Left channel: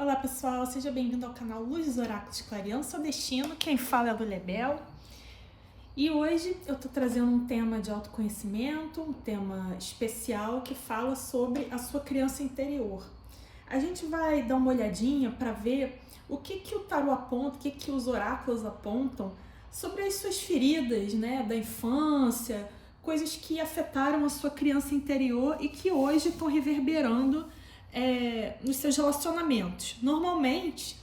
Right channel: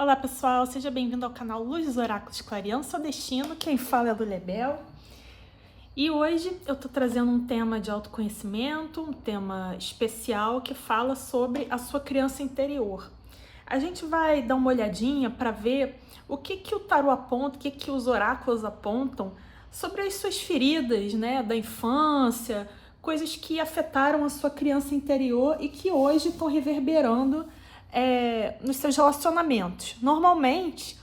Olá pessoal, seja bem-vindo ao canal Luz dos Oráculos Clareando Seu Destino, quem fala é a Lulebel. E hoje eu tô trazendo um tema de autoconhecimento, um tema especial que fala sobre a sua criança interior. A gente vai dar uma olhadinha para ver o que o tarô aponta, o que os oráculos apontam sobre as suas feridas, né, da infância, coisas que afetaram a sua criança interior e que hoje estão reverberando nos seus relacionamentos. Normalmente,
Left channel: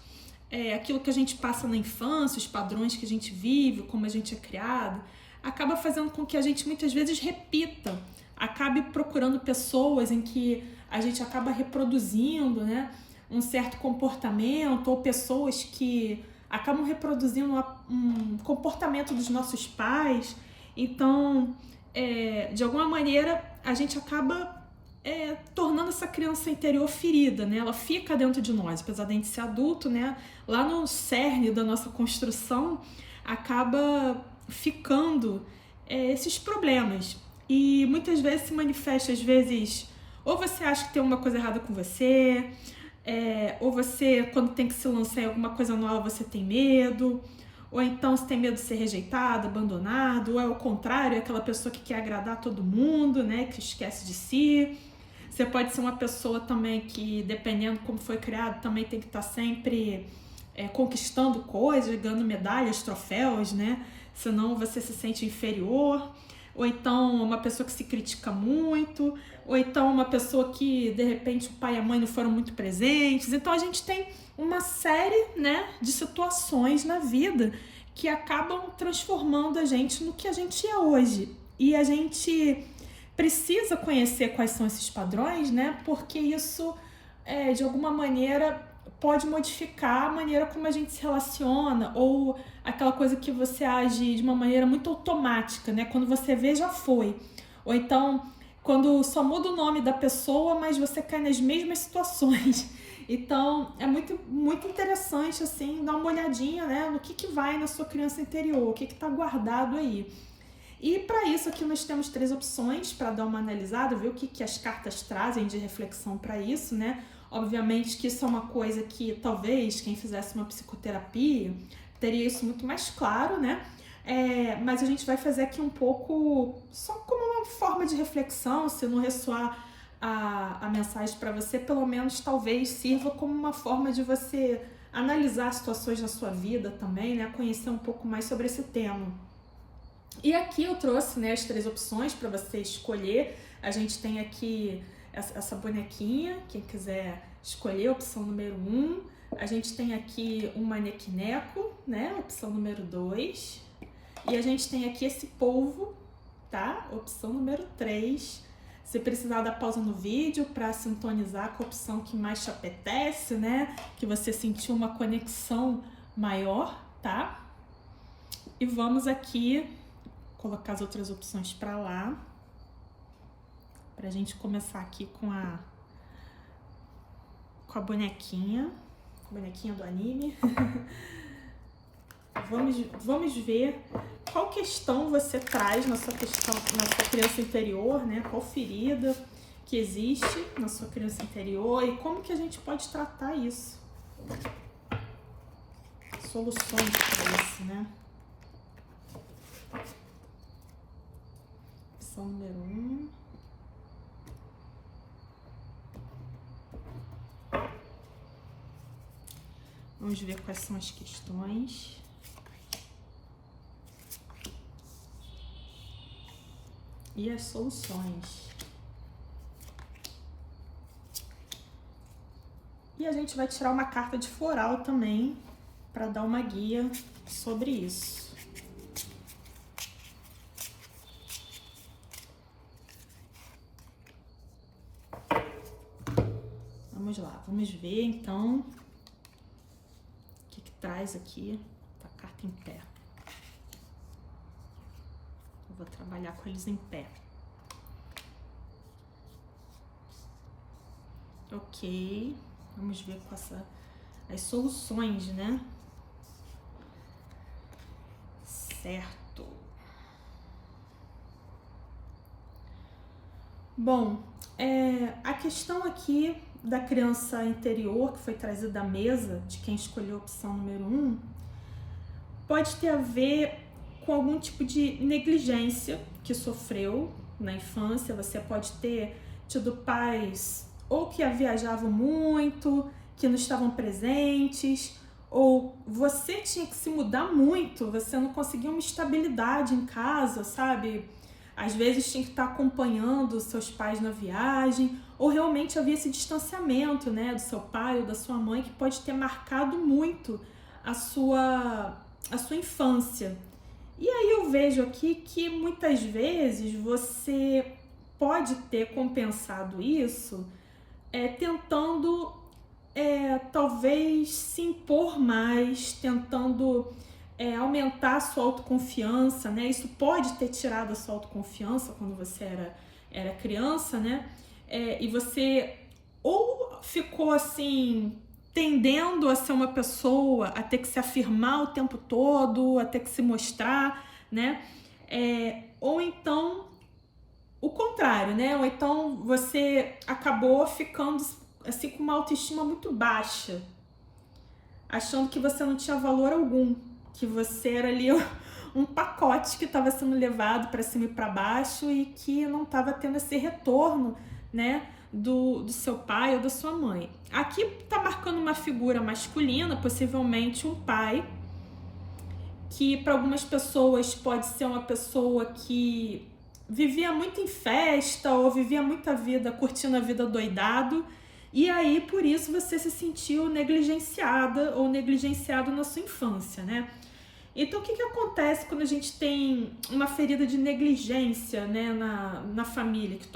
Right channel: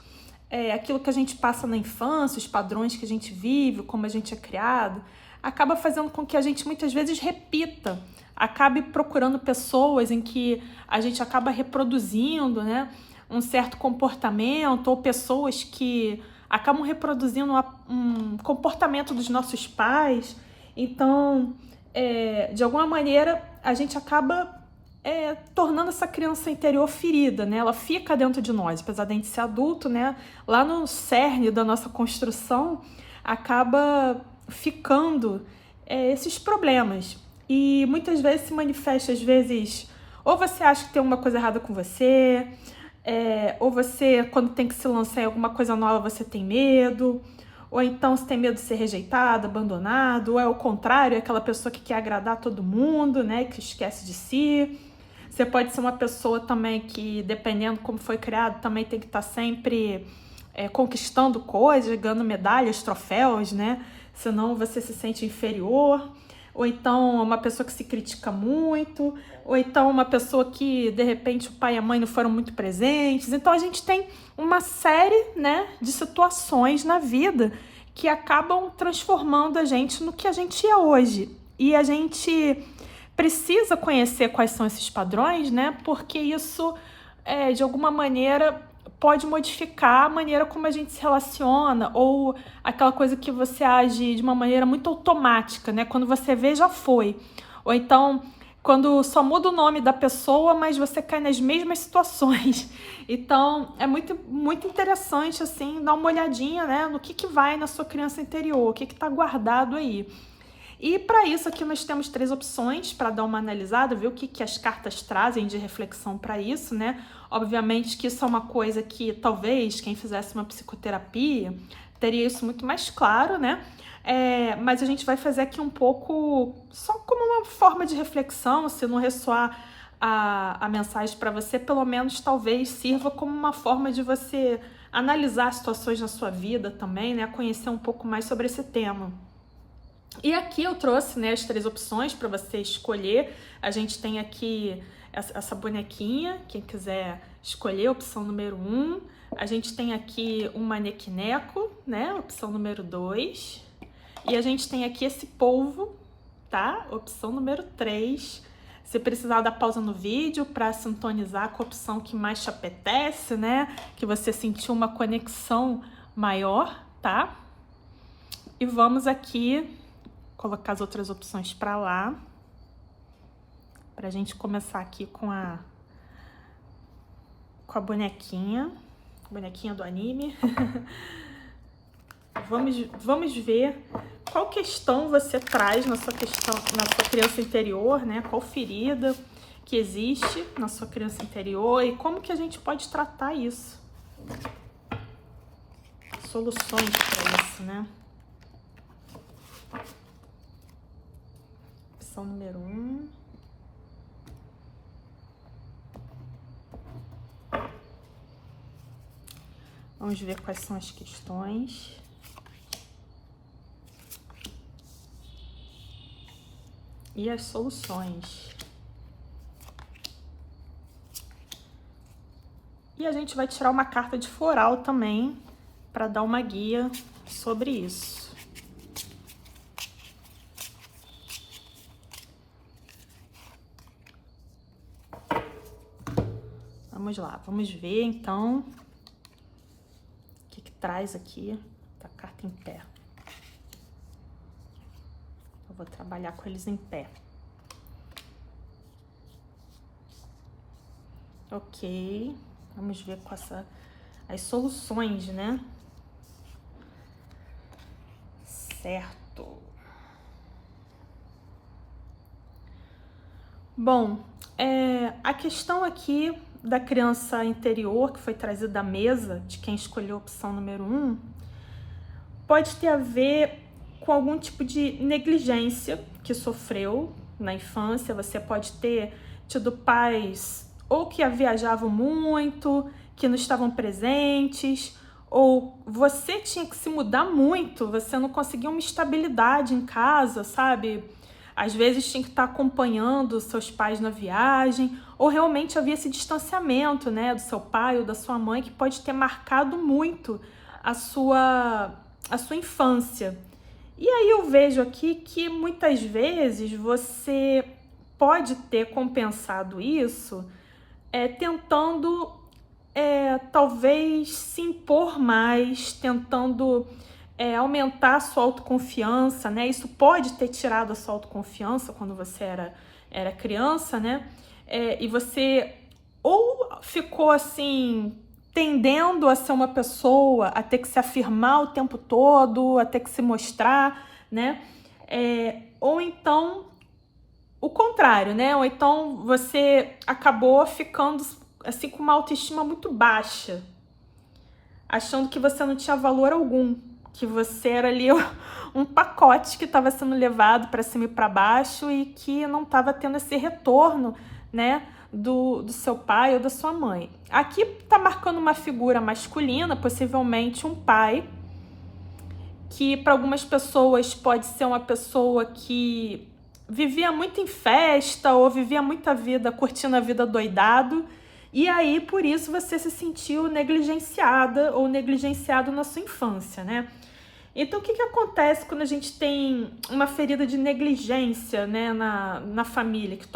aquilo que a gente passa na infância, os padrões que a gente vive, como a gente é criado, acaba fazendo com que a gente muitas vezes repita, acabe procurando pessoas em que a gente acaba reproduzindo, né, um certo comportamento, ou pessoas que acabam reproduzindo um comportamento dos nossos pais. Então, de alguma maneira, a gente acaba tornando essa criança interior ferida, né? Ela fica dentro de nós, apesar de a gente ser adulto, né? Lá no cerne da nossa construção, acaba ficando esses problemas. E muitas vezes se manifesta, às vezes, ou você acha que tem alguma coisa errada com você, ou você, quando tem que se lançar em alguma coisa nova, você tem medo, ou então você tem medo de ser rejeitado, abandonado, ou é o contrário, é aquela pessoa que quer agradar todo mundo, né? Que esquece de si. Você pode ser uma pessoa também que, dependendo como foi criado, também tem que estar sempre conquistando coisas, ganhando medalhas, troféus, né? Senão você se sente inferior. Ou então uma pessoa que se critica muito. Ou então uma pessoa que, de repente, o pai e a mãe não foram muito presentes. Então a gente tem uma série, né, de situações na vida que acabam transformando a gente no que a gente é hoje. E a gente precisa conhecer quais são esses padrões, né? Porque isso, de alguma maneira, pode modificar a maneira como a gente se relaciona, ou aquela coisa que você age de uma maneira muito automática, né? Quando você vê, já foi. Ou então, quando só muda o nome da pessoa, mas você cai nas mesmas situações. Então, é muito, muito interessante, assim, dar uma olhadinha, né, no que vai na sua criança interior, o que tá guardado aí. E para isso aqui nós temos 3 opções para dar uma analisada, ver o que as cartas trazem de reflexão para isso, né? Obviamente que isso é uma coisa que talvez quem fizesse uma psicoterapia teria isso muito mais claro, né? Mas a gente vai fazer aqui um pouco só como uma forma de reflexão, se não ressoar a mensagem para você, pelo menos talvez sirva como uma forma de você analisar situações na sua vida também, né? Conhecer um pouco mais sobre esse tema. E aqui eu trouxe, né, as 3 opções para você escolher. A gente tem aqui essa bonequinha, quem quiser escolher, opção número 1. A gente tem aqui um manequineco, né, opção número 2. E a gente tem aqui esse polvo, tá? Opção número 3. Se precisar dar pausa no vídeo para sintonizar com a opção que mais te apetece, né? Que você sentiu uma conexão maior, tá? E vamos aqui colocar as outras opções para lá, pra gente começar aqui com a bonequinha do anime. Vamos ver qual questão você traz na sua criança interior, né? Qual ferida que existe na sua criança interior e como que a gente pode tratar isso. Soluções para isso, né? Opção número 1. Vamos ver quais são as questões. E as soluções. E a gente vai tirar uma carta de floral também, para dar uma guia sobre isso. Vamos lá, vamos ver então o que traz aqui a carta em pé. Eu vou trabalhar com eles em pé. Ok, vamos ver com as soluções, né? Certo. Bom, a questão aqui da criança interior que foi trazida à mesa, de quem escolheu a opção número 1, pode ter a ver com algum tipo de negligência que sofreu na infância. Você pode ter tido pais ou que viajavam muito, que não estavam presentes, ou você tinha que se mudar muito, você não conseguia uma estabilidade em casa, sabe? Às vezes tinha que estar acompanhando seus pais na viagem, ou realmente havia esse distanciamento, né, do seu pai ou da sua mãe, que pode ter marcado muito a sua infância. E aí eu vejo aqui que muitas vezes você pode ter compensado isso tentando talvez se impor mais, tentando aumentar a sua autoconfiança, né? Isso pode ter tirado a sua autoconfiança quando você era criança, né? E você ou ficou assim, tendendo a ser uma pessoa, a ter que se afirmar o tempo todo, a ter que se mostrar, né? Ou então o contrário, né? Ou então você acabou ficando assim com uma autoestima muito baixa, achando que você não tinha valor algum, que você era ali um pacote que estava sendo levado para cima e para baixo e que não estava tendo esse retorno, né, do seu pai ou da sua mãe. Aqui está marcando uma figura masculina, possivelmente um pai, que para algumas pessoas pode ser uma pessoa que vivia muito em festa ou vivia muita vida, curtindo a vida doidado, e aí por isso você se sentiu negligenciada ou negligenciado na sua infância, né? Então o que acontece quando a gente tem uma ferida de negligência, né, na família, que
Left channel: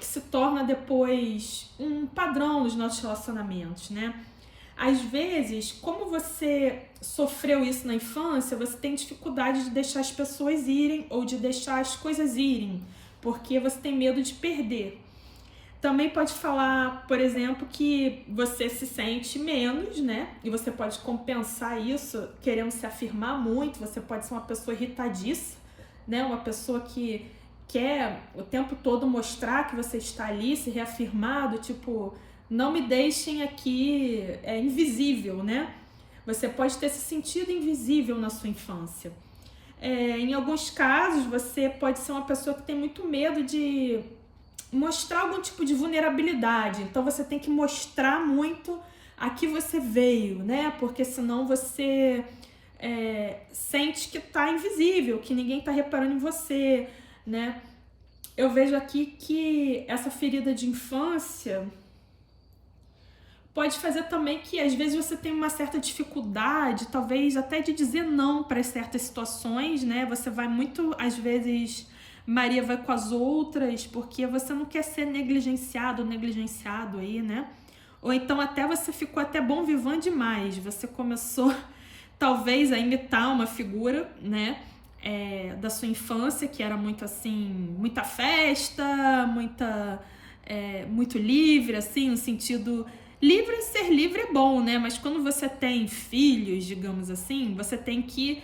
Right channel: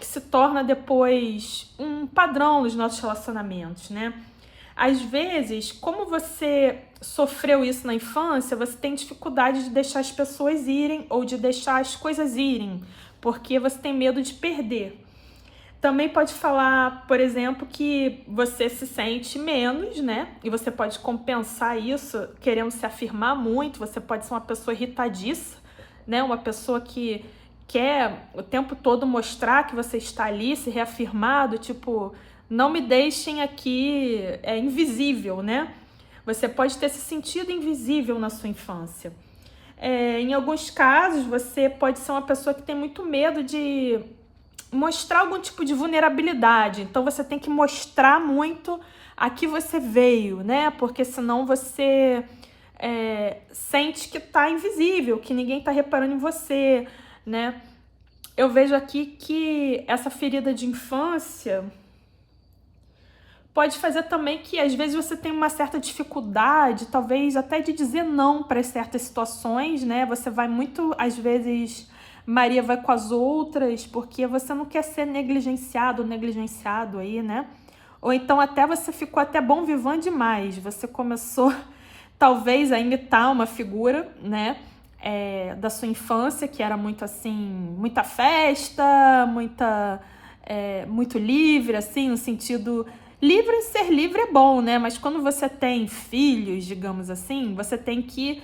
se torna depois um padrão nos nossos relacionamentos, né? Às vezes, como você sofreu isso na infância, você tem dificuldade de deixar as pessoas irem ou de deixar as coisas irem, porque você tem medo de perder. Também pode falar, por exemplo, que você se sente menos, né? E você pode compensar isso querendo se afirmar muito. Você pode ser uma pessoa irritadiça, né? Uma pessoa que quer o tempo todo mostrar que você está ali, se reafirmado, tipo, não me deixem aqui invisível, né? Você pode ter se sentido invisível na sua infância. Em alguns casos, você pode ser uma pessoa que tem muito medo de mostrar algum tipo de vulnerabilidade. Então, você tem que mostrar muito a que você veio, né? Porque senão você sente que tá invisível, que ninguém tá reparando em você, né? Eu vejo aqui que essa ferida de infância pode fazer também que às vezes você tem uma certa dificuldade, talvez até de dizer não para certas situações, né? Você vai muito, às vezes, Maria vai com as outras, porque você não quer ser negligenciado ou negligenciado aí, né? Ou então até você ficou até bom vivant demais, você começou talvez a imitar uma figura, né? Da sua infância, que era muito assim, muita festa, muito livre, assim, no sentido... Livre, ser livre é bom, né? Mas quando você tem filhos, digamos assim, você tem que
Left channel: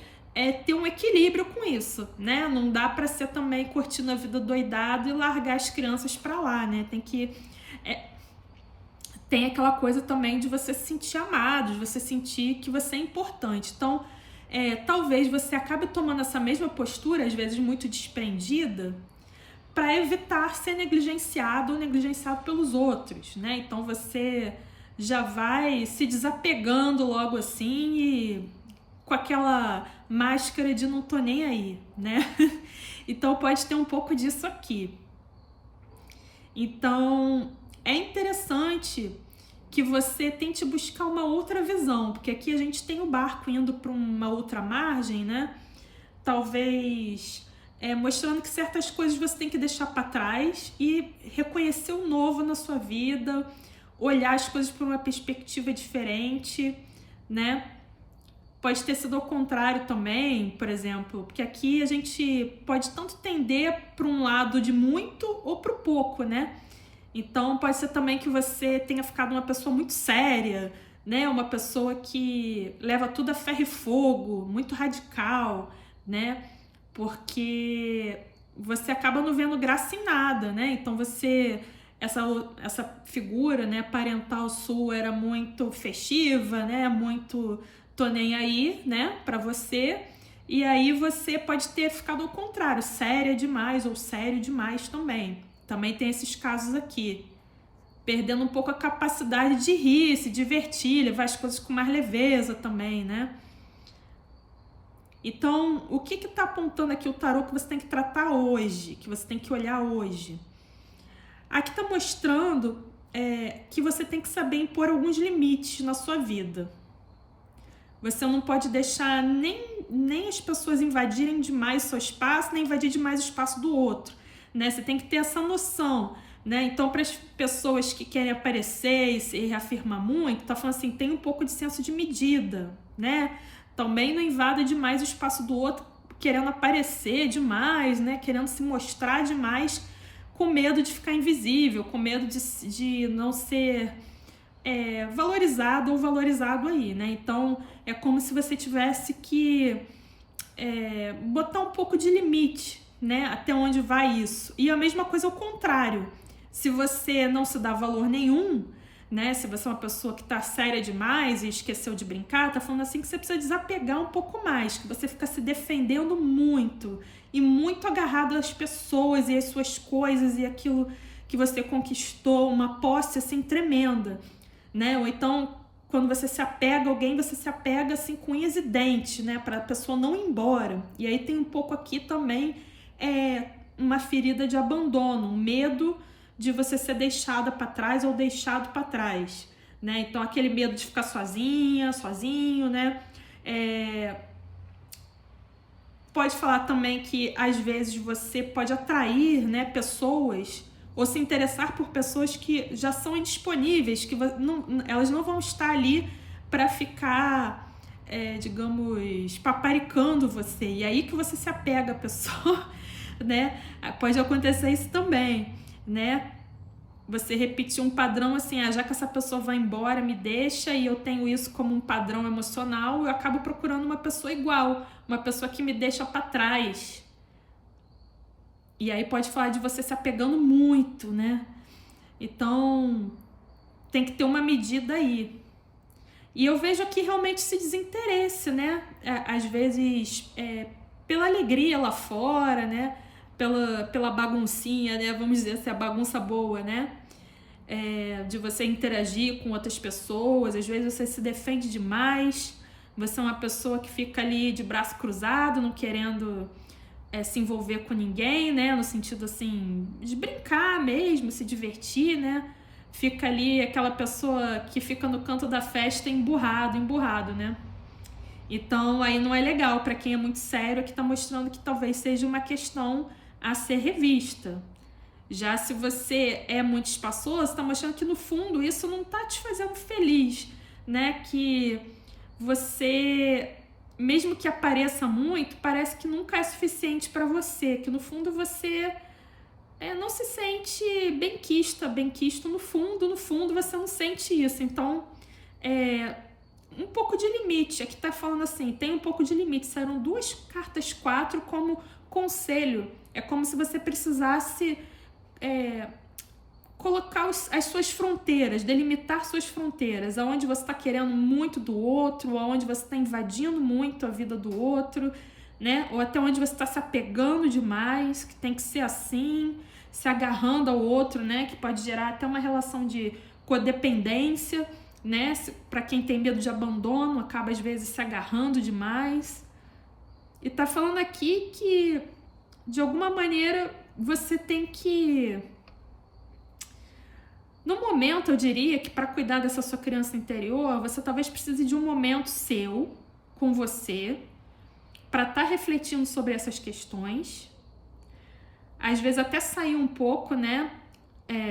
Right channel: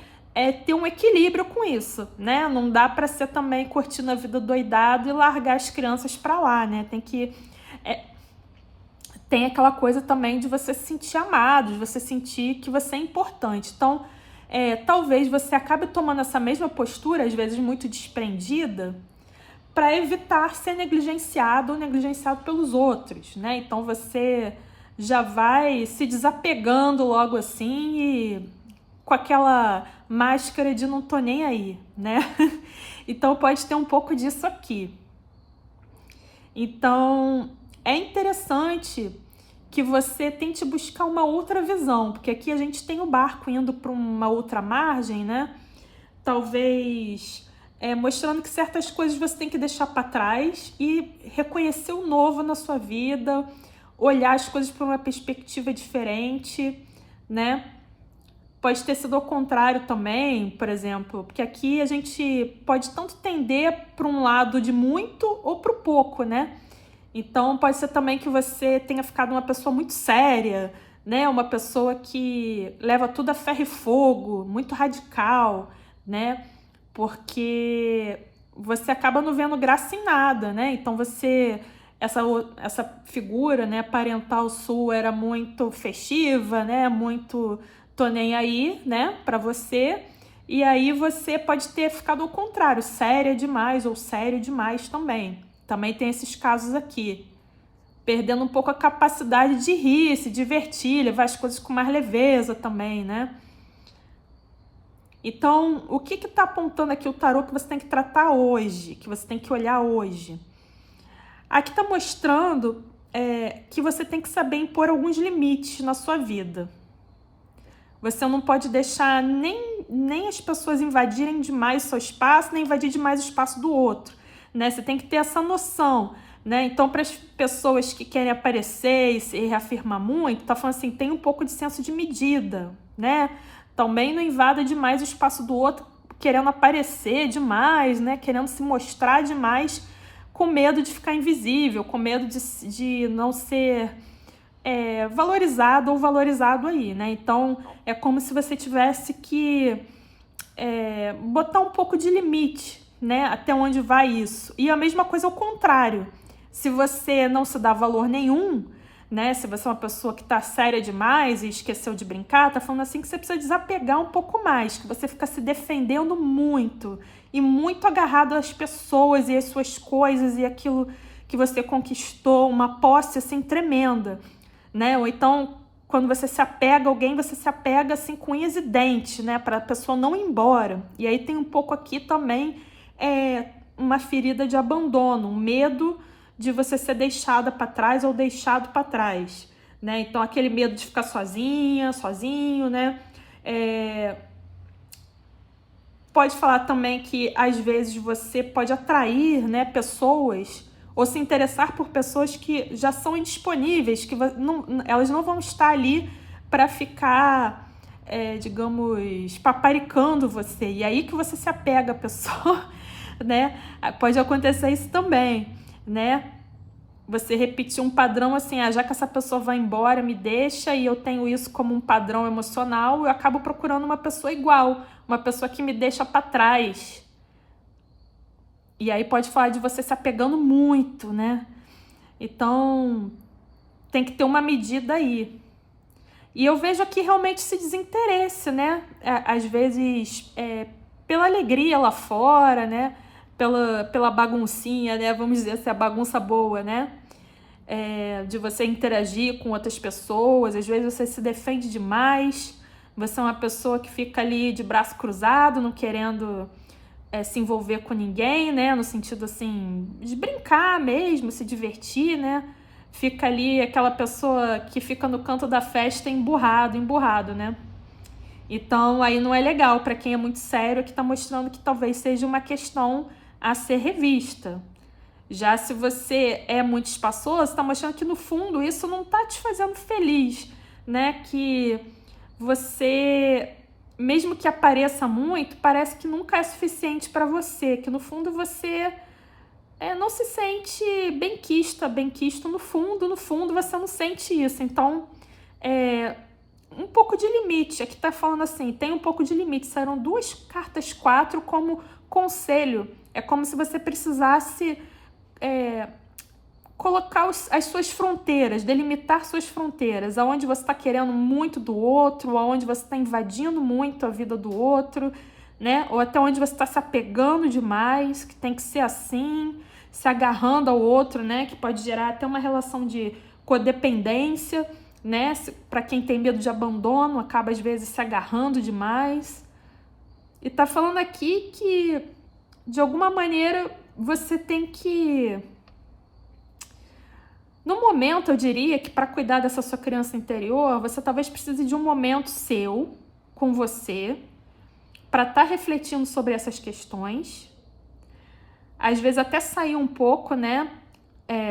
ter um equilíbrio com isso, né? Não dá pra ser também curtindo a vida doidado e largar as crianças pra lá, né? Tem aquela coisa também de você se sentir amado, de você sentir que você é importante. Então, talvez você acabe tomando essa mesma postura, às vezes muito desprendida, para evitar ser negligenciado ou negligenciado pelos outros, né? Então você já vai se desapegando logo assim e com aquela máscara de não tô nem aí, né? Então pode ter um pouco disso aqui. Então é interessante que você tente buscar uma outra visão, porque aqui a gente tem o barco indo para uma outra margem, né? Talvez mostrando que certas coisas você tem que deixar para trás e reconhecer o novo na sua vida, olhar as coisas por uma perspectiva diferente, né? Pode ter sido ao contrário também, por exemplo, porque aqui a gente pode tanto tender para um lado de muito ou para o pouco, né? Então pode ser também que você tenha ficado uma pessoa muito séria, né? Uma pessoa que leva tudo a ferro e fogo, muito radical, né? Porque você acaba não vendo graça em nada, né? Então você essa figura, né, parental sua era muito festiva, né, muito tô nem aí, né, pra você, e aí você pode ter ficado ao contrário, séria demais ou sério demais também. Também tem esses casos aqui, perdendo um pouco a capacidade de rir, se divertir, levar as coisas com mais leveza também, né? Então, o que tá apontando aqui o tarô que você tem que tratar hoje, que você tem que olhar hoje? Aqui tá mostrando que você tem que saber impor alguns limites na sua vida. Você não pode deixar nem as pessoas invadirem demais o seu espaço, nem invadir demais o espaço do outro, né? Você tem que ter essa noção, né? Então, para as pessoas que querem aparecer e se reafirmar muito, tá falando assim, tem um pouco de senso de medida, né? Também não invada demais o espaço do outro, querendo aparecer demais, né? Querendo se mostrar demais, com medo de ficar invisível, com medo de não ser valorizado ou valorizado aí, né? Então, é como se você tivesse que botar um pouco de limite, né? Até onde vai isso. E a mesma coisa ao contrário. Se você não se dá valor nenhum, né? Se você é uma pessoa que tá séria demais e esqueceu de brincar, tá falando assim que você precisa desapegar um pouco mais, que você fica se defendendo muito e muito agarrado às pessoas e às suas coisas e aquilo que você conquistou, uma posse assim tremenda, né? Ou então, quando você se apega a alguém, você se apega assim com unhas e dentes, né? Para a pessoa não ir embora. E aí tem um pouco aqui também uma ferida de abandono, um medo de você ser deixada para trás ou deixado para trás, né? Então, aquele medo de ficar sozinha, sozinho, né? Pode falar também que, às vezes, você pode atrair, né, pessoas ou se interessar por pessoas que já são indisponíveis, que elas não vão estar ali para ficar, digamos, paparicando você. E aí que você se apega à pessoa, né? Pode acontecer isso também, né? Você repetir um padrão assim, já que essa pessoa vai embora, me deixa, e eu tenho isso como um padrão emocional, eu acabo procurando uma pessoa igual, uma pessoa que me deixa para trás. E aí pode falar de você se apegando muito, né? Então, tem que ter uma medida aí. E eu vejo aqui realmente esse desinteresse, né? Às vezes, pela alegria lá fora, né? Pela baguncinha, né? Vamos dizer assim, a bagunça boa, né? De você interagir com outras pessoas. Às vezes você se defende demais. Você é uma pessoa que fica ali de braço cruzado, não querendo se envolver com ninguém, né? No sentido assim, de brincar mesmo, se divertir, né? Fica ali aquela pessoa que fica no canto da festa emburrado, né? Então, aí não é legal para quem é muito sério, que tá mostrando que talvez seja uma questão a ser revista. Já se você é muito espaçoso, tá mostrando que no fundo isso não tá te fazendo feliz, né? Que você, mesmo que apareça muito, parece que nunca é suficiente para você, que no fundo você não se sente benquista no fundo você não sente isso. Então, um pouco de limite. Aqui tá falando assim, tem um pouco de limite. Saíram 2 cartas 4 como conselho. É como se você precisasse colocar as suas fronteiras, delimitar suas fronteiras, aonde você está querendo muito do outro, aonde você está invadindo muito a vida do outro, né? Ou até onde você está se apegando demais, que tem que ser assim, se agarrando ao outro, né? Que pode gerar até uma relação de codependência, né? Para quem tem medo de abandono, acaba às vezes se agarrando demais. E tá falando aqui que, de alguma maneira, você tem que... No momento, eu diria que para cuidar dessa sua criança interior, você talvez precise de um momento seu, com você, para estar refletindo sobre essas questões. Às vezes até sair um pouco, né?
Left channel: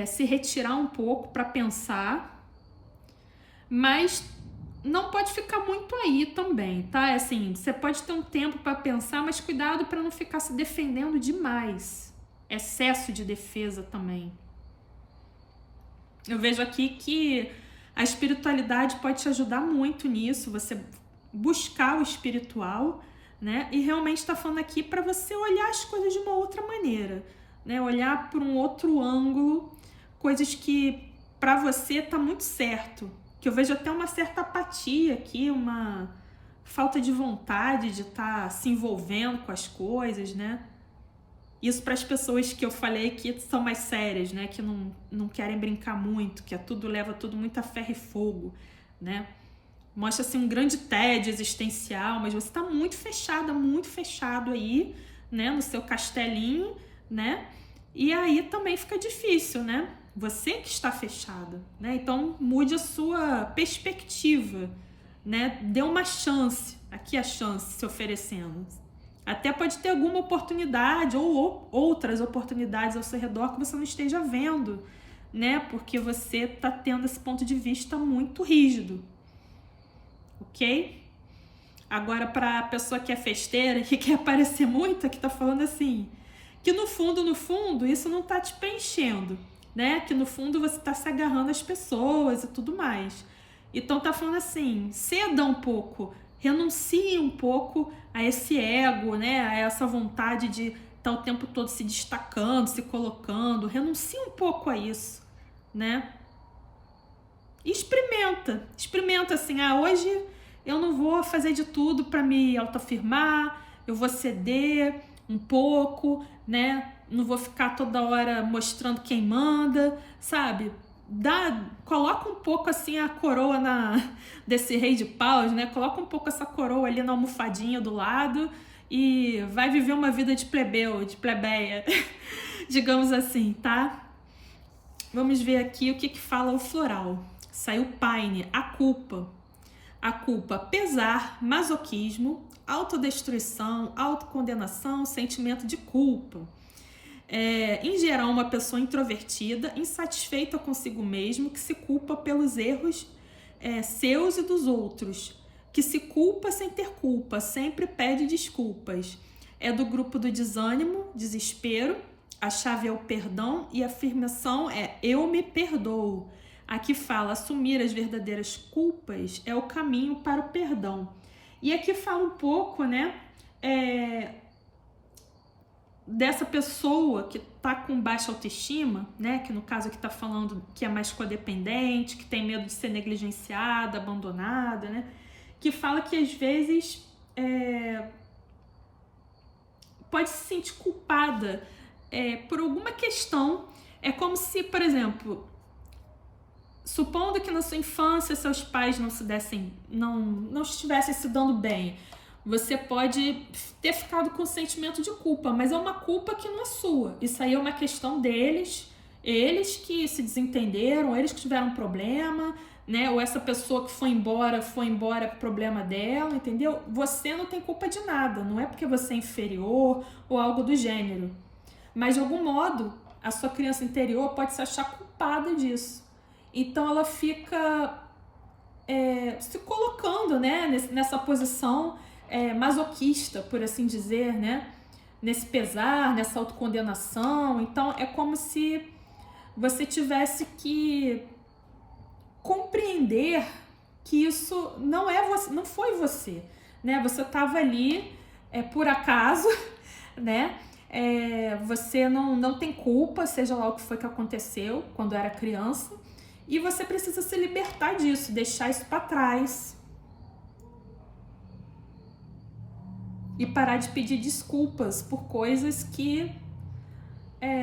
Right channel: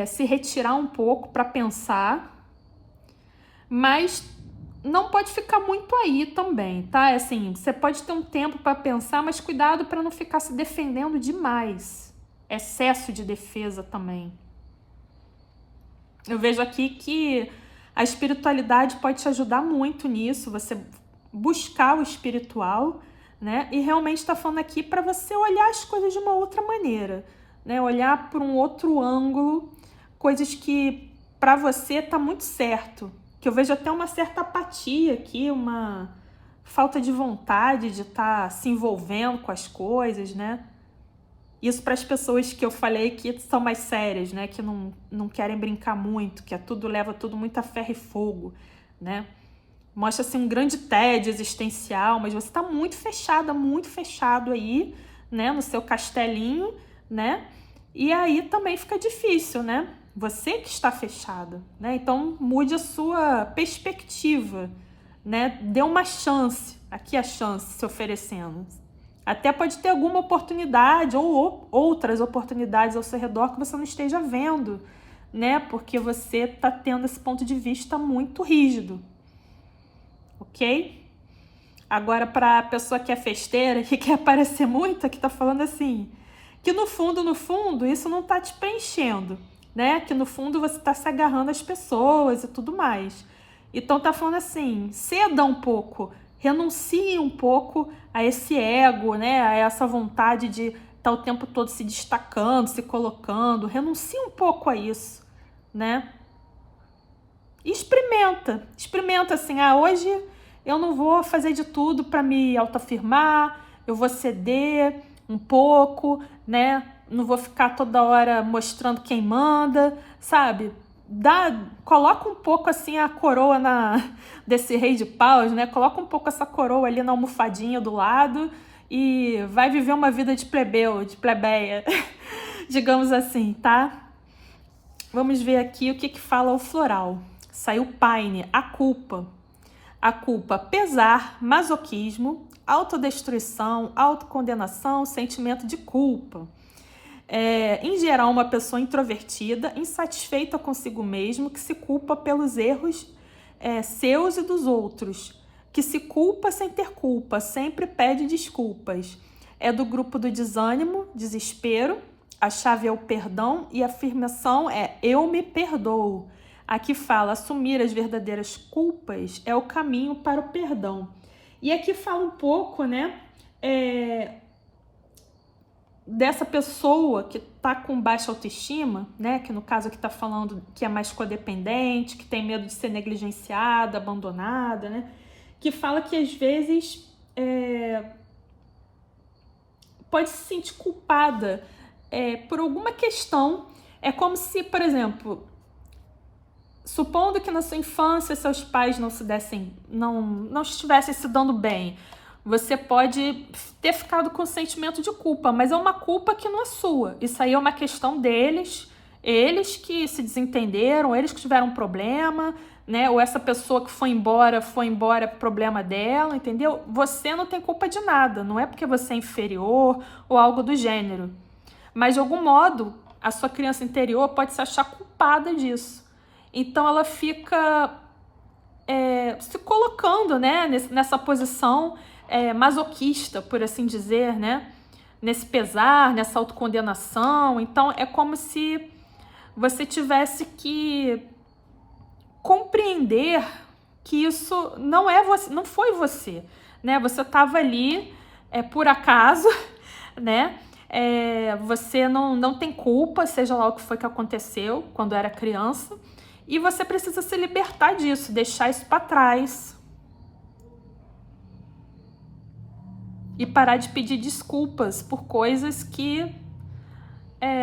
Se retirar um pouco para pensar. Mas não pode ficar muito aí também, tá? Assim, você pode ter um tempo para pensar, mas cuidado para não ficar se defendendo demais. Excesso de defesa também. Eu vejo aqui que a espiritualidade pode te ajudar muito nisso, você buscar o espiritual, né? E realmente está falando aqui para você olhar as coisas de uma outra maneira, né? Olhar por um outro ângulo, coisas que para você tá muito certo, que eu vejo até uma certa apatia aqui, uma falta de vontade de estar se envolvendo com as coisas, né? Isso para as pessoas que eu falei que são mais sérias, né? Que não querem brincar muito, que leva tudo muito a ferro e fogo, né? Mostra assim um grande tédio existencial, mas você está muito fechada, muito fechado aí, né? No seu castelinho, né? E aí também fica difícil, né? Você que está fechada, né? Então mude a sua perspectiva, né? Dê uma chance, aqui a chance se oferecendo. Até pode ter alguma oportunidade ou outras oportunidades ao seu redor que você não esteja vendo, né? Porque você está tendo esse ponto de vista muito rígido, ok? Agora, para a pessoa que é festeira, que quer aparecer muito, que tá falando assim, que no fundo, isso não tá te preenchendo, né? Que no fundo você tá se agarrando às pessoas e tudo mais. Então tá falando assim, ceda um pouco, renuncie um pouco a esse ego, né? A essa vontade de estar o tempo todo se destacando, se colocando. Renuncie um pouco a isso, né? E experimenta assim, hoje eu não vou fazer de tudo para me autoafirmar, eu vou ceder um pouco, né? Não vou ficar toda hora mostrando quem manda, sabe? Coloca um pouco assim a coroa desse rei de paus, né? Coloca um pouco essa coroa ali na almofadinha do lado e vai viver uma vida de plebeu, de plebeia, digamos assim, tá? Vamos ver aqui o que fala o floral. Saiu Paine, a culpa. A culpa, pesar, masoquismo, autodestruição, autocondenação, sentimento de culpa. Em geral, uma pessoa introvertida, insatisfeita consigo mesmo, que se culpa pelos erros seus e dos outros, que se culpa sem ter culpa, sempre pede desculpas. É do grupo do desânimo, desespero. A chave é o perdão e a afirmação é eu me perdoo. Aqui fala assumir as verdadeiras culpas é o caminho para o perdão. E aqui fala um pouco, né, dessa pessoa que tá com baixa autoestima, né, que no caso aqui tá falando que é mais codependente, que tem medo de ser negligenciada, abandonada, né, que fala que às vezes pode se sentir culpada por alguma questão. É como se, por exemplo, supondo que na sua infância seus pais não estivessem se dando bem, você pode ter ficado com sentimento de culpa, mas é uma culpa que não é sua. Isso aí é uma questão deles, eles que se desentenderam, eles que tiveram um problema, né? Ou essa pessoa que foi embora, problema dela, entendeu? Você não tem culpa de nada, não é porque você é inferior ou algo do gênero. Mas de algum modo, a sua criança interior pode se achar culpada disso. Então ela fica se colocando, né, nessa posição masoquista, por assim dizer, né? Nesse pesar, nessa autocondenação. Então é como se você tivesse que compreender que isso não é você, não foi você, né? Você estava ali por acaso, né? Você não tem culpa, seja lá o que foi que aconteceu quando era criança, e você precisa se libertar disso, deixar isso para trás e parar de pedir desculpas por coisas que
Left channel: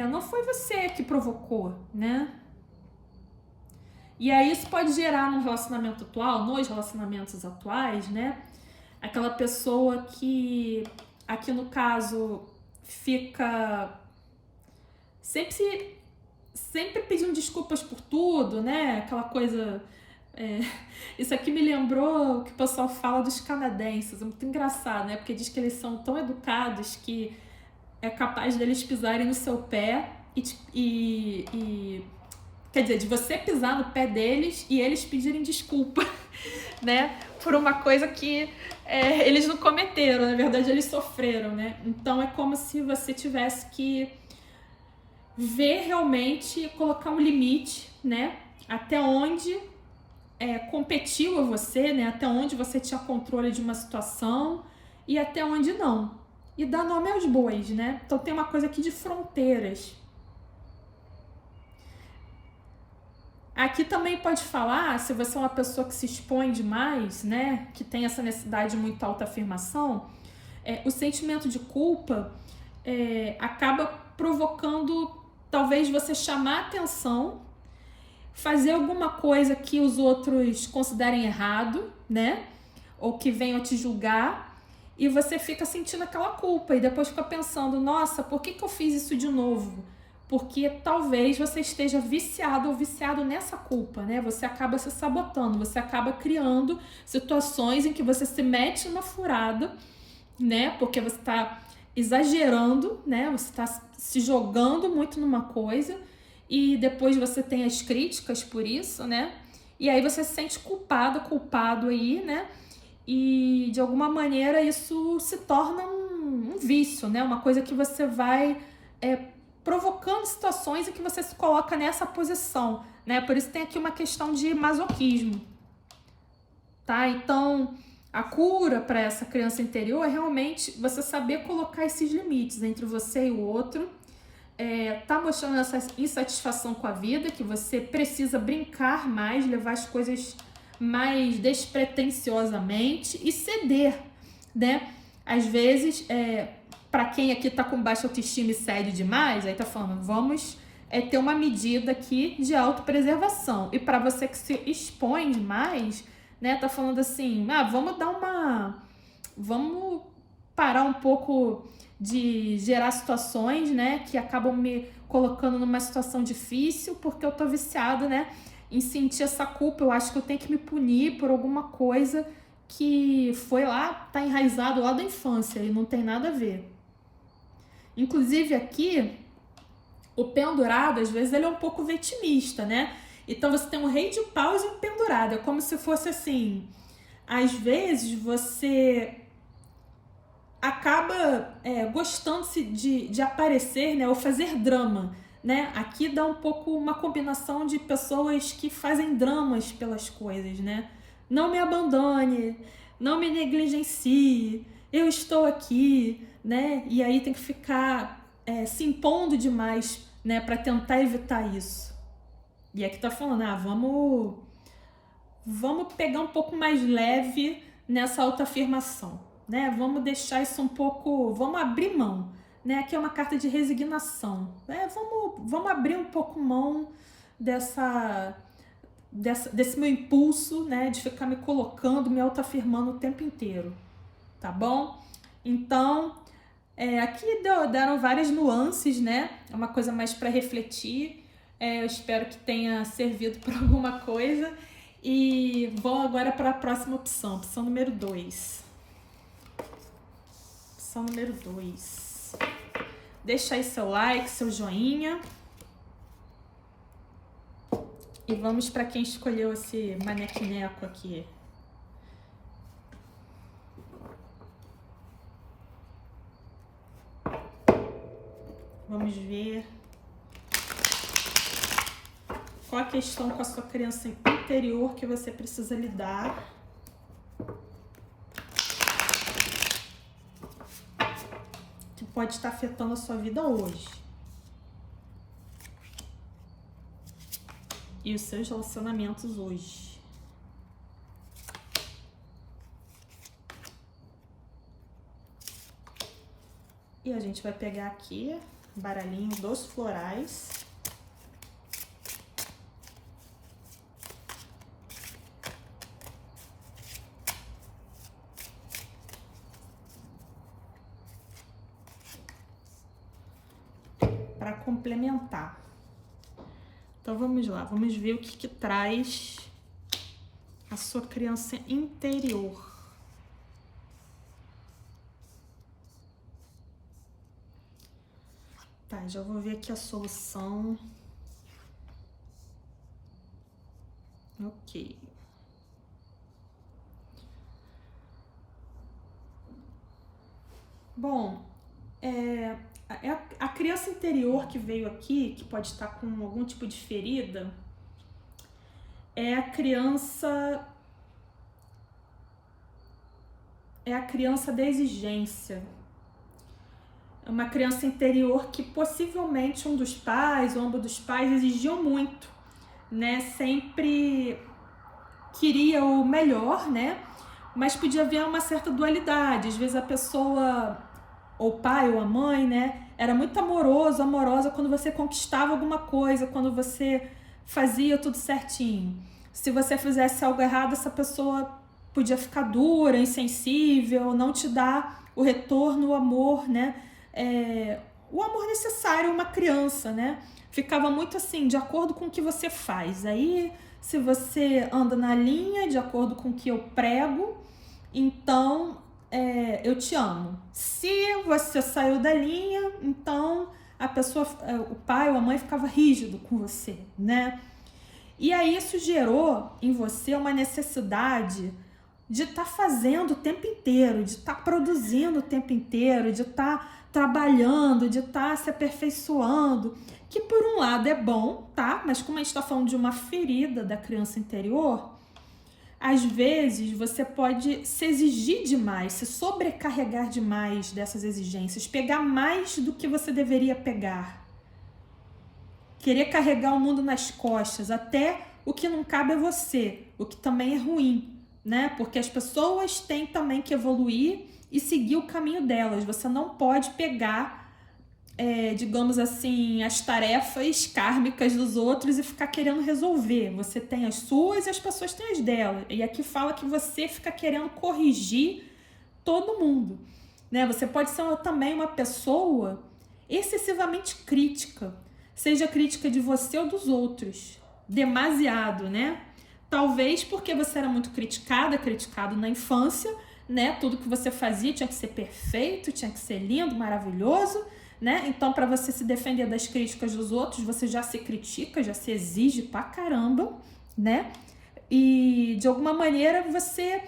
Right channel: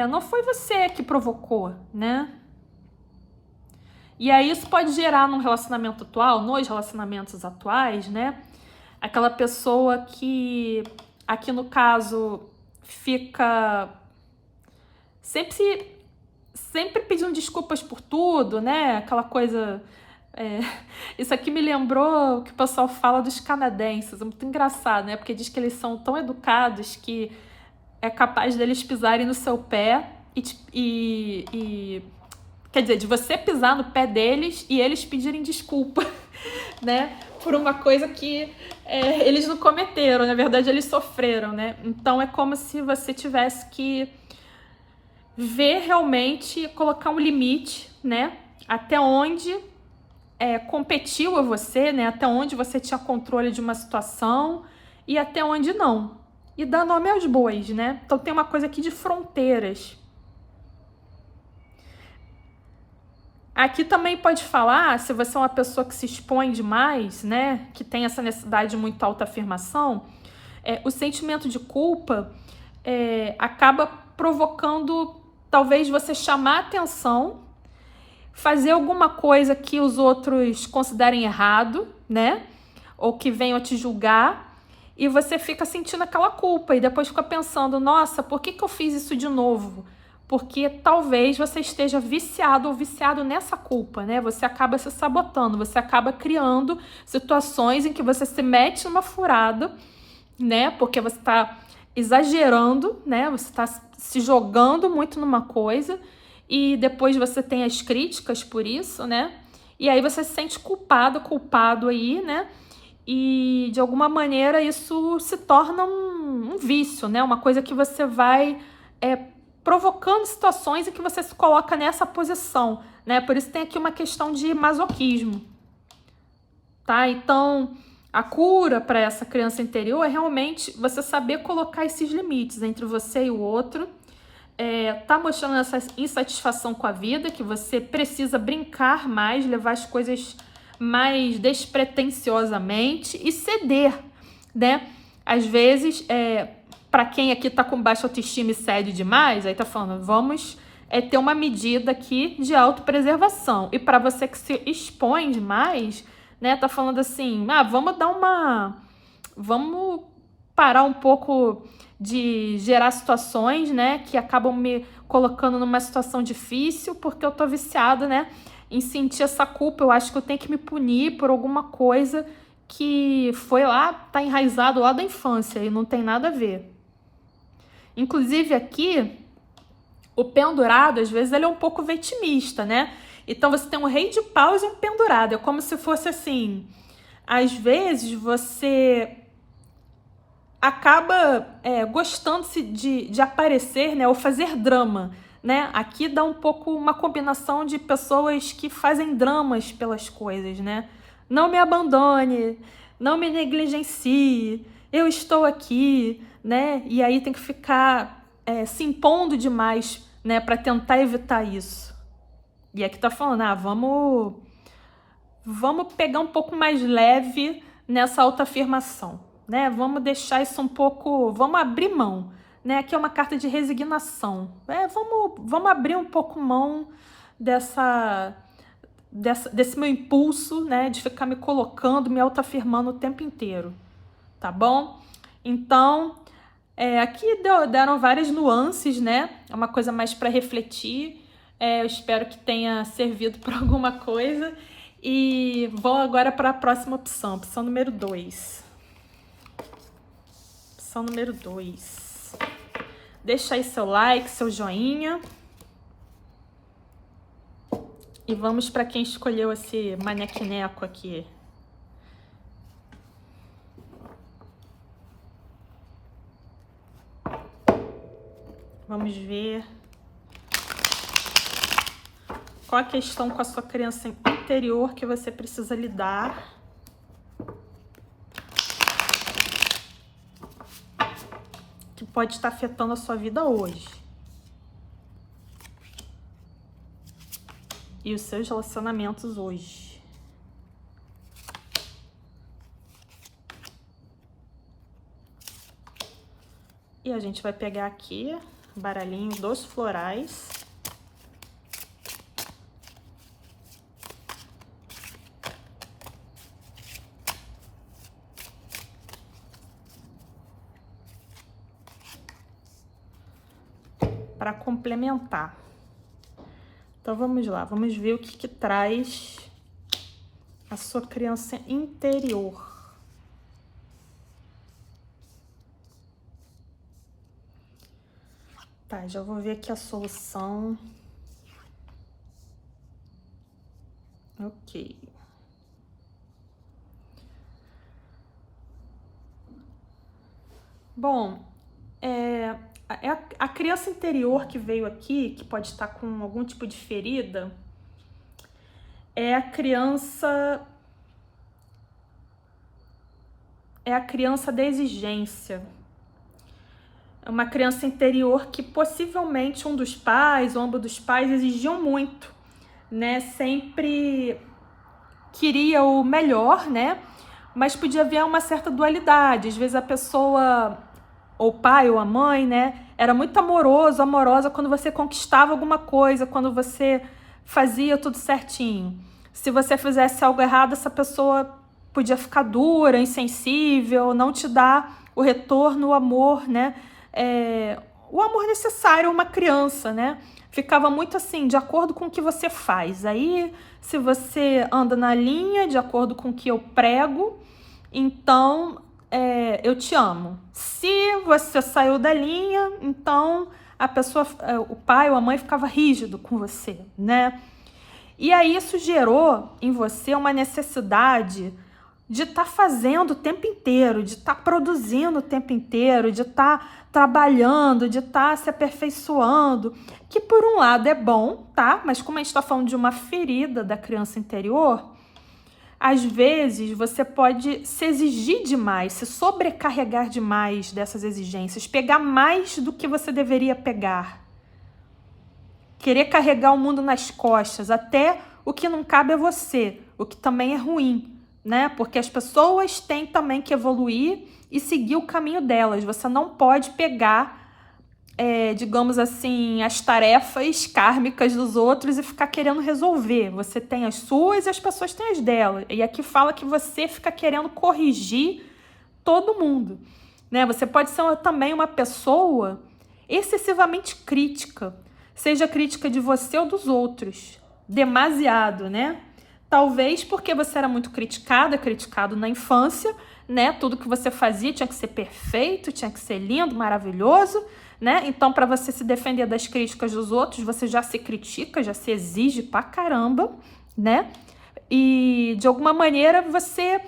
não foi você que provocou, né? E aí isso pode gerar num relacionamento atual, nos relacionamentos atuais, né? Aquela pessoa que, aqui no caso, fica sempre pedindo desculpas por tudo, né? Aquela coisa... Isso aqui me lembrou o que o pessoal fala dos canadenses. É muito engraçado, né? Porque diz que eles são tão educados que é capaz deles pisarem no seu pé quer dizer, de você pisar no pé deles e eles pedirem desculpa, né? Por uma coisa que eles não cometeram, na verdade eles sofreram, né? Então é como se você tivesse que ver realmente, colocar um limite, né? Até onde competiu a você, né? Até onde você tinha controle de uma situação e até onde não. E dar nome aos bois, né? Então tem uma coisa aqui de fronteiras. Aqui também pode falar, se você é uma pessoa que se expõe demais, né, que tem essa necessidade de muita autoafirmação, o sentimento de culpa acaba provocando, talvez, você chamar atenção, fazer alguma coisa que os outros considerem errado, né, ou que venham te julgar, e você fica sentindo aquela culpa, e depois fica pensando, nossa, por que eu fiz isso de novo? Porque talvez você esteja viciado ou viciado nessa culpa, né? Você acaba se sabotando, você acaba criando situações em que você se mete numa furada, né? Porque você está exagerando, né? Você está se jogando muito numa coisa e depois você tem as críticas por isso, né? E aí você se sente culpado aí, né? E de alguma maneira isso se torna um vício, né? Uma coisa que você vai provocando situações em que você se coloca nessa posição, né? Por isso tem aqui uma questão de masoquismo, tá? Então, a cura para essa criança interior é realmente você saber colocar esses limites entre você e o outro, tá mostrando essa insatisfação com a vida, que você precisa brincar mais, levar as coisas mais despretensiosamente e ceder, né? Às vezes, para quem aqui tá com baixa autoestima e cede demais, aí tá falando, vamos ter uma medida aqui de autopreservação. E para você que se expõe demais, né, tá falando assim, vamos parar um pouco de gerar situações, né, que acabam me colocando numa situação difícil, porque eu tô viciada, né, em sentir essa culpa. Eu acho que eu tenho que me punir por alguma coisa que foi lá, tá enraizado lá da infância e não tem nada a ver. Inclusive aqui, o pendurado, às vezes, ele é um pouco vitimista, né? Então você tem um rei de paus e um pendurado. É como se fosse assim, às vezes você acaba gostando de aparecer, né? Ou fazer drama, né? Aqui dá um pouco uma combinação de pessoas que fazem dramas pelas coisas, né? Não me abandone, não me negligencie, eu estou aqui, né? E aí tem que ficar se impondo demais, né? Para tentar evitar isso. E aqui tá falando, vamos pegar um pouco mais leve nessa autoafirmação, né? Vamos deixar isso um pouco, vamos abrir mão, né? Aqui é uma carta de resignação. Vamos abrir um pouco mão desse meu impulso, né? De ficar me colocando, me autoafirmando o tempo inteiro, tá bom? Então, aqui deram várias nuances, né? É uma coisa mais para refletir. Eu espero que tenha servido para alguma coisa. E vou agora para a próxima opção número 2. Opção número 2. Deixa aí seu like, seu joinha. E vamos para quem escolheu esse manequineco aqui. Vamos ver qual a questão com a sua criança interior que você precisa lidar. Que pode estar afetando a sua vida hoje. E os seus relacionamentos hoje. E a gente vai pegar aqui baralhinho dos florais. Para complementar. Então vamos lá, vamos ver o que traz a sua criança interior. Tá, já vou ver aqui a solução. Ok. Bom, a criança interior que veio aqui, que pode estar com algum tipo de ferida, é a criança da exigência. É uma criança interior que possivelmente um dos pais ou ambos dos pais exigiam muito, né, sempre queria o melhor, né, mas podia haver uma certa dualidade. Às vezes a pessoa, ou o pai ou a mãe, né, era muito amoroso, amorosa quando você conquistava alguma coisa, quando você fazia tudo certinho. Se você fizesse algo errado, essa pessoa podia ficar dura, insensível, não te dar o retorno, o amor, né, o amor necessário a uma criança, né? Ficava muito assim, de acordo com o que você faz. Aí, se você anda na linha, de acordo com o que eu prego, então eu te amo. Se você saiu da linha, então a pessoa, o pai ou a mãe ficava rígido com você, né? E aí isso gerou em você uma necessidade de estar fazendo o tempo inteiro, de estar produzindo o tempo inteiro, de estar trabalhando, de estar se aperfeiçoando, que por um lado é bom, tá? Mas como a gente está falando de uma ferida da criança interior, às vezes você pode se exigir demais, se sobrecarregar demais dessas exigências, pegar mais do que você deveria pegar, querer carregar o mundo nas costas, até o que não cabe a você, o que também é ruim, né? Porque as pessoas têm também que evoluir e seguir o caminho delas. Você não pode pegar, digamos assim, as tarefas kármicas dos outros e ficar querendo resolver. Você tem as suas e as pessoas têm as delas. E aqui fala que você fica querendo corrigir todo mundo, né? Você pode ser também uma pessoa excessivamente crítica, seja crítica de você ou dos outros, demasiado, né? Talvez porque você era muito criticado na infância, né? Tudo que você fazia tinha que ser perfeito, tinha que ser lindo, maravilhoso, né? Então, para você se defender das críticas dos outros, você já se critica, já se exige pra caramba, né? E de alguma maneira você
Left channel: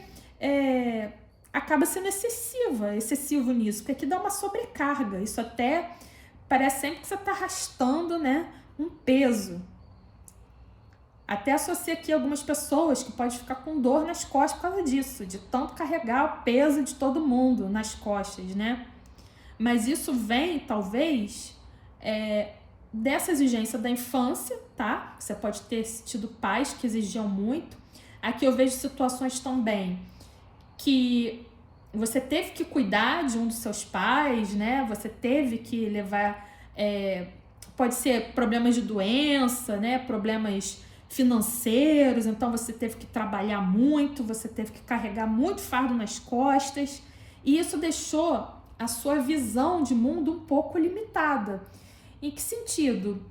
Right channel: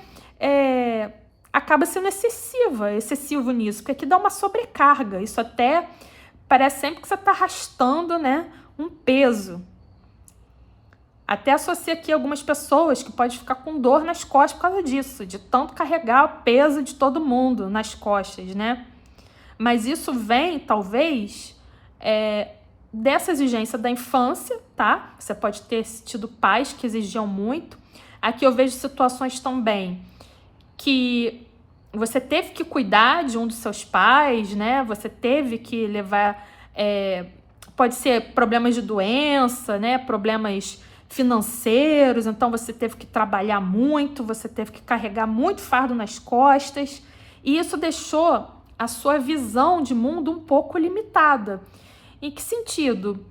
acaba sendo excessivo nisso, porque aqui dá uma sobrecarga. Isso até parece sempre que você está arrastando, né, um peso. Até associa aqui algumas pessoas que podem ficar com dor nas costas por causa disso, de tanto carregar o peso de todo mundo nas costas, né? Mas isso vem, talvez, dessa exigência da infância, tá? Você pode ter tido pais que exigiam muito. Aqui eu vejo situações também que você teve que cuidar de um dos seus pais, né? Você teve que levar, pode ser problemas de doença, né? Problemas financeiros, então você teve que trabalhar muito, você teve que carregar muito fardo nas costas, e isso deixou a sua visão de mundo um pouco limitada. Em que sentido?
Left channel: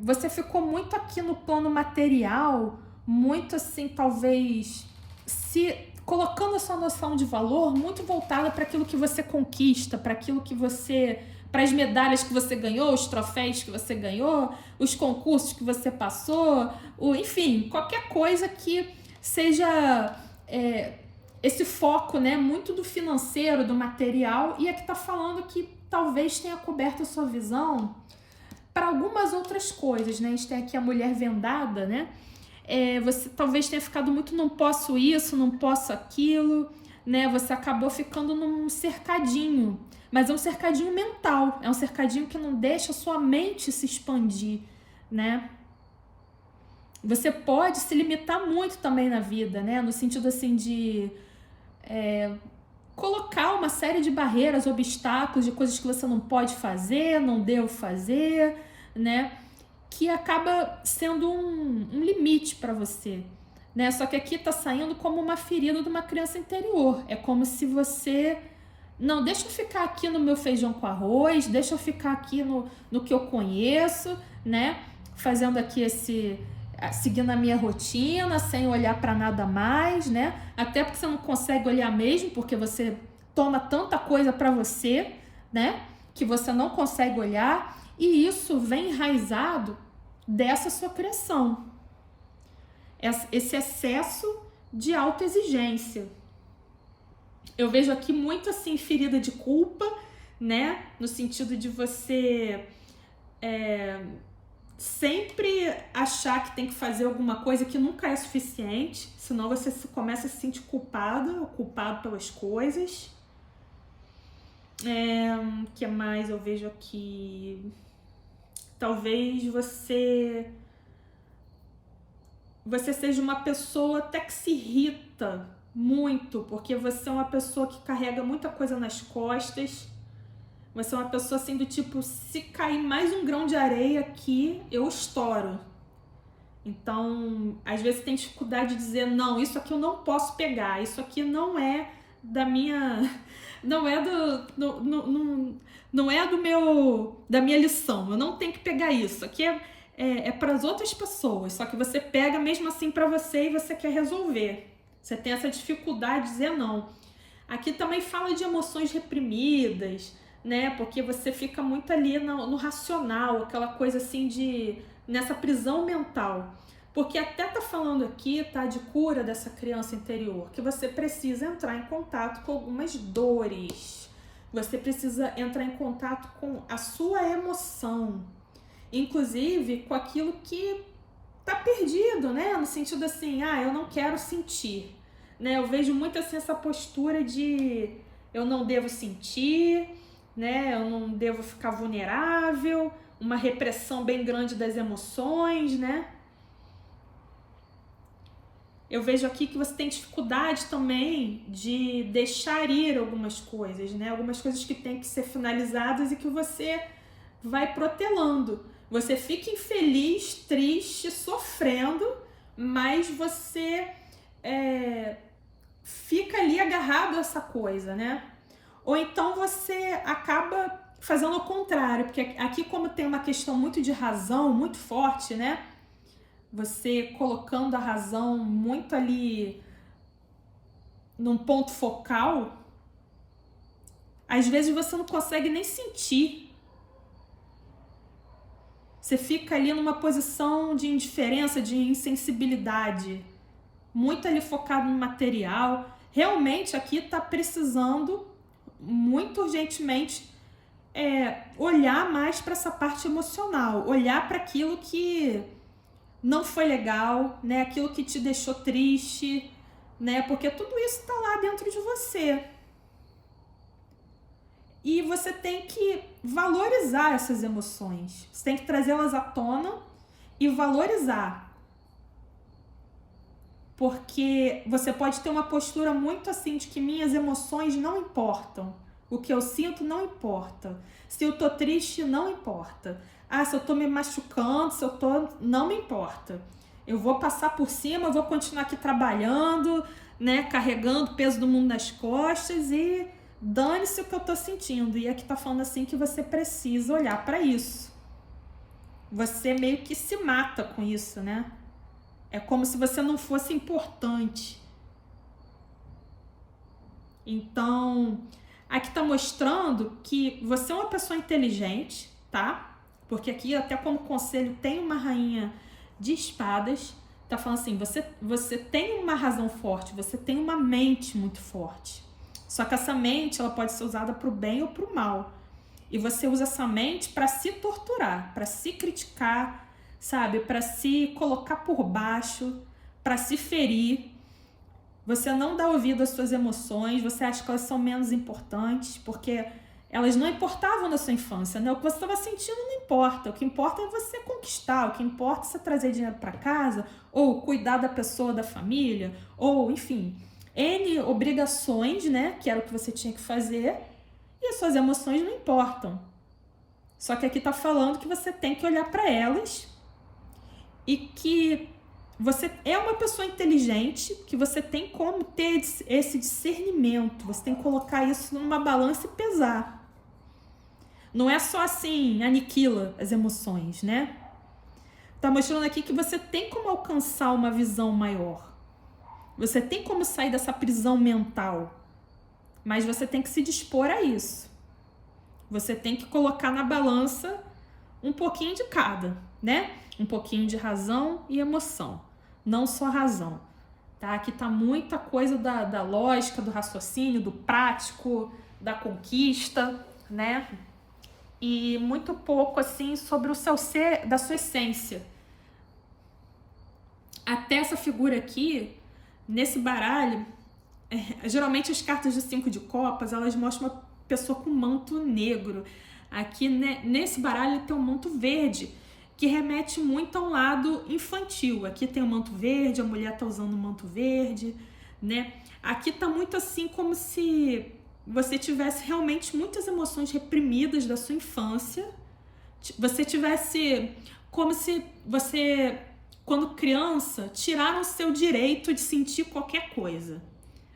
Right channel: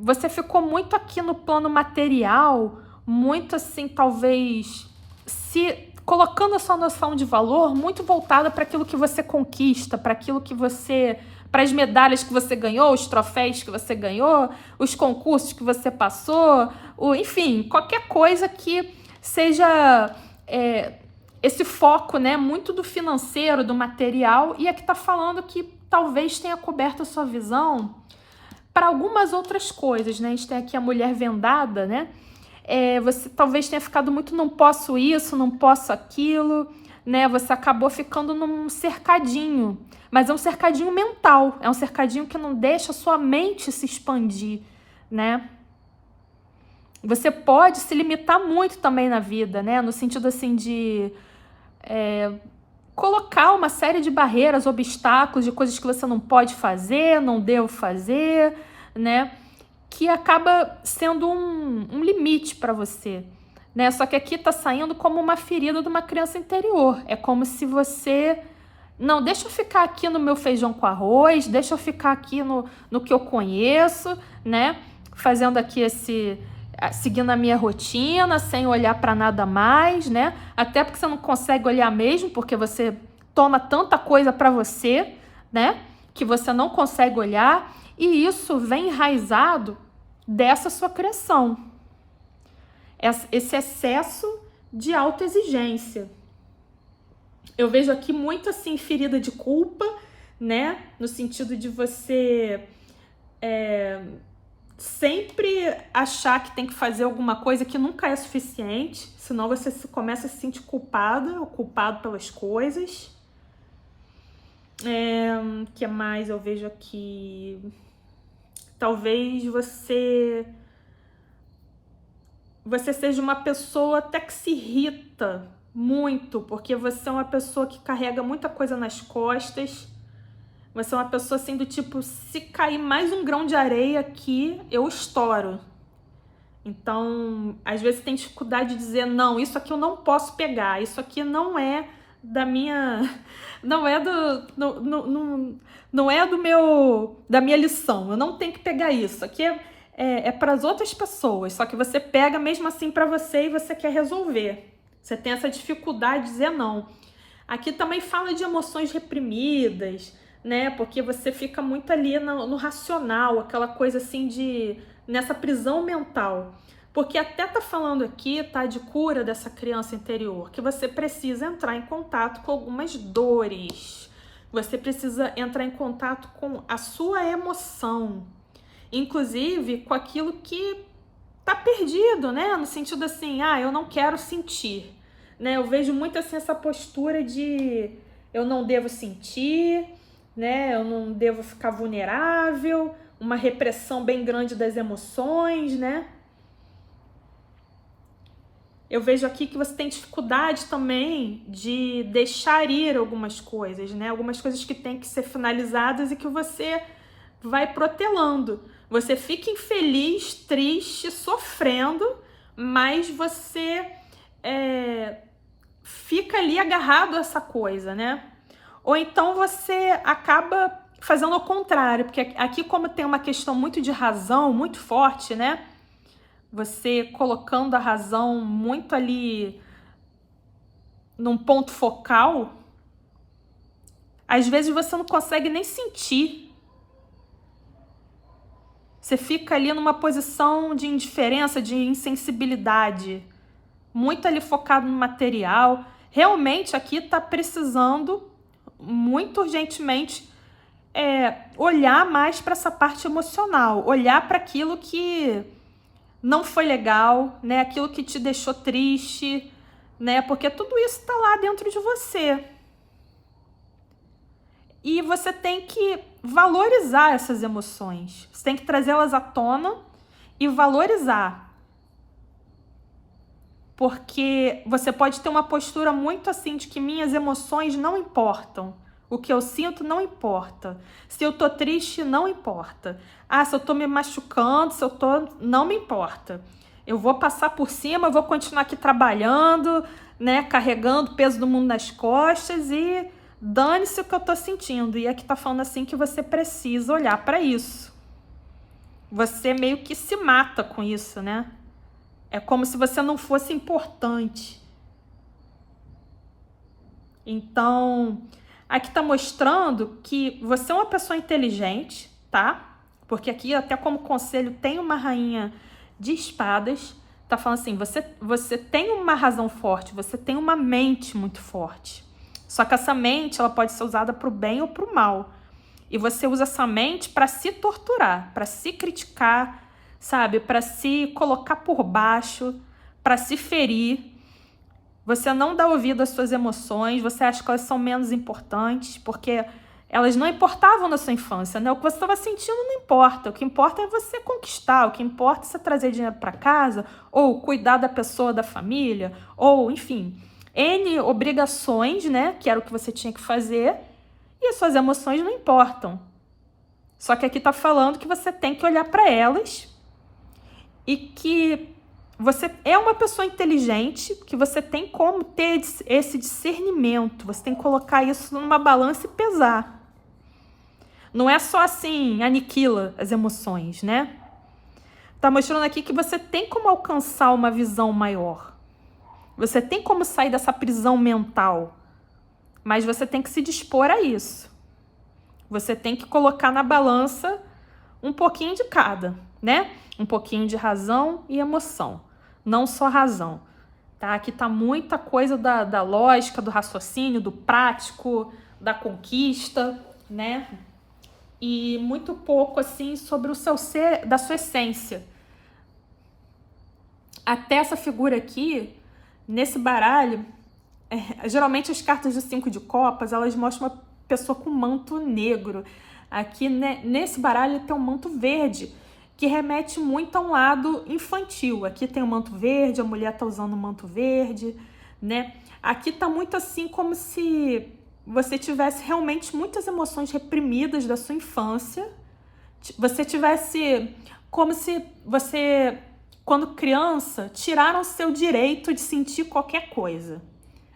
Você ficou muito aqui no plano material, muito assim, talvez, se colocando a sua noção de valor muito voltada para aquilo que você conquista, para aquilo que você, para as medalhas que você ganhou, os troféus que você ganhou, os concursos que você passou, enfim, qualquer coisa que seja esse foco, né, muito do financeiro, do material, e aqui está falando que talvez tenha coberto a sua visão para algumas outras coisas, né? A gente tem aqui a mulher vendada, né? Você talvez tenha ficado muito não posso isso, não posso aquilo, né? Você acabou ficando num cercadinho, mas é um cercadinho mental, é um cercadinho que não deixa a sua mente se expandir, né? Você pode se limitar muito também na vida, né? No sentido assim de colocar uma série de barreiras, obstáculos, de coisas que você não pode fazer, não deve fazer, né? Que acaba sendo um limite para você, né? Só que aqui tá saindo como uma ferida de uma criança interior. É como se você... Não, deixa eu ficar aqui no meu feijão com arroz, deixa eu ficar aqui no que eu conheço, né? Fazendo aqui seguindo a minha rotina, sem olhar para nada mais, né? Até porque você não consegue olhar mesmo, porque você toma tanta coisa para você, né? Que você não consegue olhar, e isso vem enraizado dessa sua criação. Esse excesso de autoexigência. Eu vejo aqui muito assim ferida de culpa, né? No sentido de você sempre achar que tem que fazer alguma coisa que nunca é suficiente, senão você começa a se sentir culpada ou culpado pelas coisas. O que mais eu vejo aqui? Talvez você você seja uma pessoa até que se irrita muito, porque você é uma pessoa que carrega muita coisa nas costas. Você é uma pessoa assim do tipo, se cair mais um grão de areia aqui, eu estouro. Então, às vezes tem dificuldade de dizer, não, isso aqui eu não posso pegar, isso aqui não é da minha... Não é da minha lição, eu não tenho que pegar isso. Aqui é para as outras pessoas, só que você pega mesmo assim para você e você quer resolver. Você tem essa dificuldade de dizer não. Aqui também fala de emoções reprimidas, né? Porque você fica muito ali no racional, aquela coisa assim nessa prisão mental. Porque até tá falando aqui, tá, de cura dessa criança interior, que você precisa entrar em contato com algumas dores. Você precisa entrar em contato com a sua emoção, inclusive com aquilo que tá perdido, né? No sentido assim, eu não quero sentir, né? Eu vejo muito assim essa postura de eu não devo sentir, né? Eu não devo ficar vulnerável, uma repressão bem grande das emoções, né? Eu vejo aqui que você tem dificuldade também de deixar ir algumas coisas, né? Algumas coisas que têm que ser finalizadas e que você vai protelando. Você fica infeliz, triste, sofrendo, mas você fica ali agarrado a essa coisa, né? Ou então você acaba fazendo o contrário, porque aqui como tem uma questão muito de razão, muito forte, né? Você colocando a razão muito ali num ponto focal, às vezes você não consegue nem sentir. Você fica ali numa posição de indiferença, de insensibilidade, muito ali focado no material. Realmente aqui está precisando, muito urgentemente, olhar mais para essa parte emocional, olhar para aquilo que não foi legal, né? Aquilo que te deixou triste, né? Porque tudo isso está lá dentro de você. E você tem que valorizar essas emoções. Você tem que trazê-las à tona e valorizar. Porque você pode ter uma postura muito assim de que minhas emoções não importam. O que eu sinto não importa. Se eu tô triste, não importa. Se eu tô me machucando, não me importa. Eu vou passar por cima, eu vou continuar aqui trabalhando, né, carregando o peso do mundo nas costas e dane-se o que eu tô sentindo. E aqui tá falando assim que você precisa olhar para isso. Você meio que se mata com isso, né? É como se você não fosse importante. Então, aqui tá mostrando que você é uma pessoa inteligente, tá? Porque aqui, até como conselho, tem uma rainha de espadas. Tá falando assim, você tem uma razão forte, você tem uma mente muito forte. Só que essa mente, ela pode ser usada pro bem ou pro mal. E você usa essa mente para se torturar, para se criticar, sabe? Para se colocar por baixo, para se ferir. Você não dá ouvido às suas emoções, você acha que elas são menos importantes, porque elas não importavam na sua infância, né? O que você estava sentindo não importa. O que importa é você conquistar, o que importa é você trazer dinheiro para casa, ou cuidar da pessoa, da família, ou, enfim, N obrigações, né? Que era o que você tinha que fazer, e as suas emoções não importam. Só que aqui tá falando que você tem que olhar para elas e que você é uma pessoa inteligente, que você tem como ter esse discernimento, você tem que colocar isso numa balança e pesar. Não é só assim, aniquila as emoções, né? Tá mostrando aqui que você tem como alcançar uma visão maior. Você tem como sair dessa prisão mental, mas você tem que se dispor a isso. Você tem que colocar na balança um pouquinho de cada, né? Um pouquinho de razão e emoção, não só razão, tá? Aqui tá muita coisa da lógica, do raciocínio, do prático, da conquista, né? E muito pouco, assim, sobre o seu ser, da sua essência. Até essa figura aqui, nesse baralho, geralmente as cartas de 5 de copas, elas mostram uma pessoa com manto negro. Aqui, né, nesse baralho tem um manto verde. que remete muito a um lado infantil. Aqui tem o manto verde, a mulher tá usando o manto verde, né? Aqui tá muito assim como se você tivesse realmente muitas emoções reprimidas da sua infância. Você tivesse como se você, quando criança, tiraram o seu direito de sentir qualquer coisa.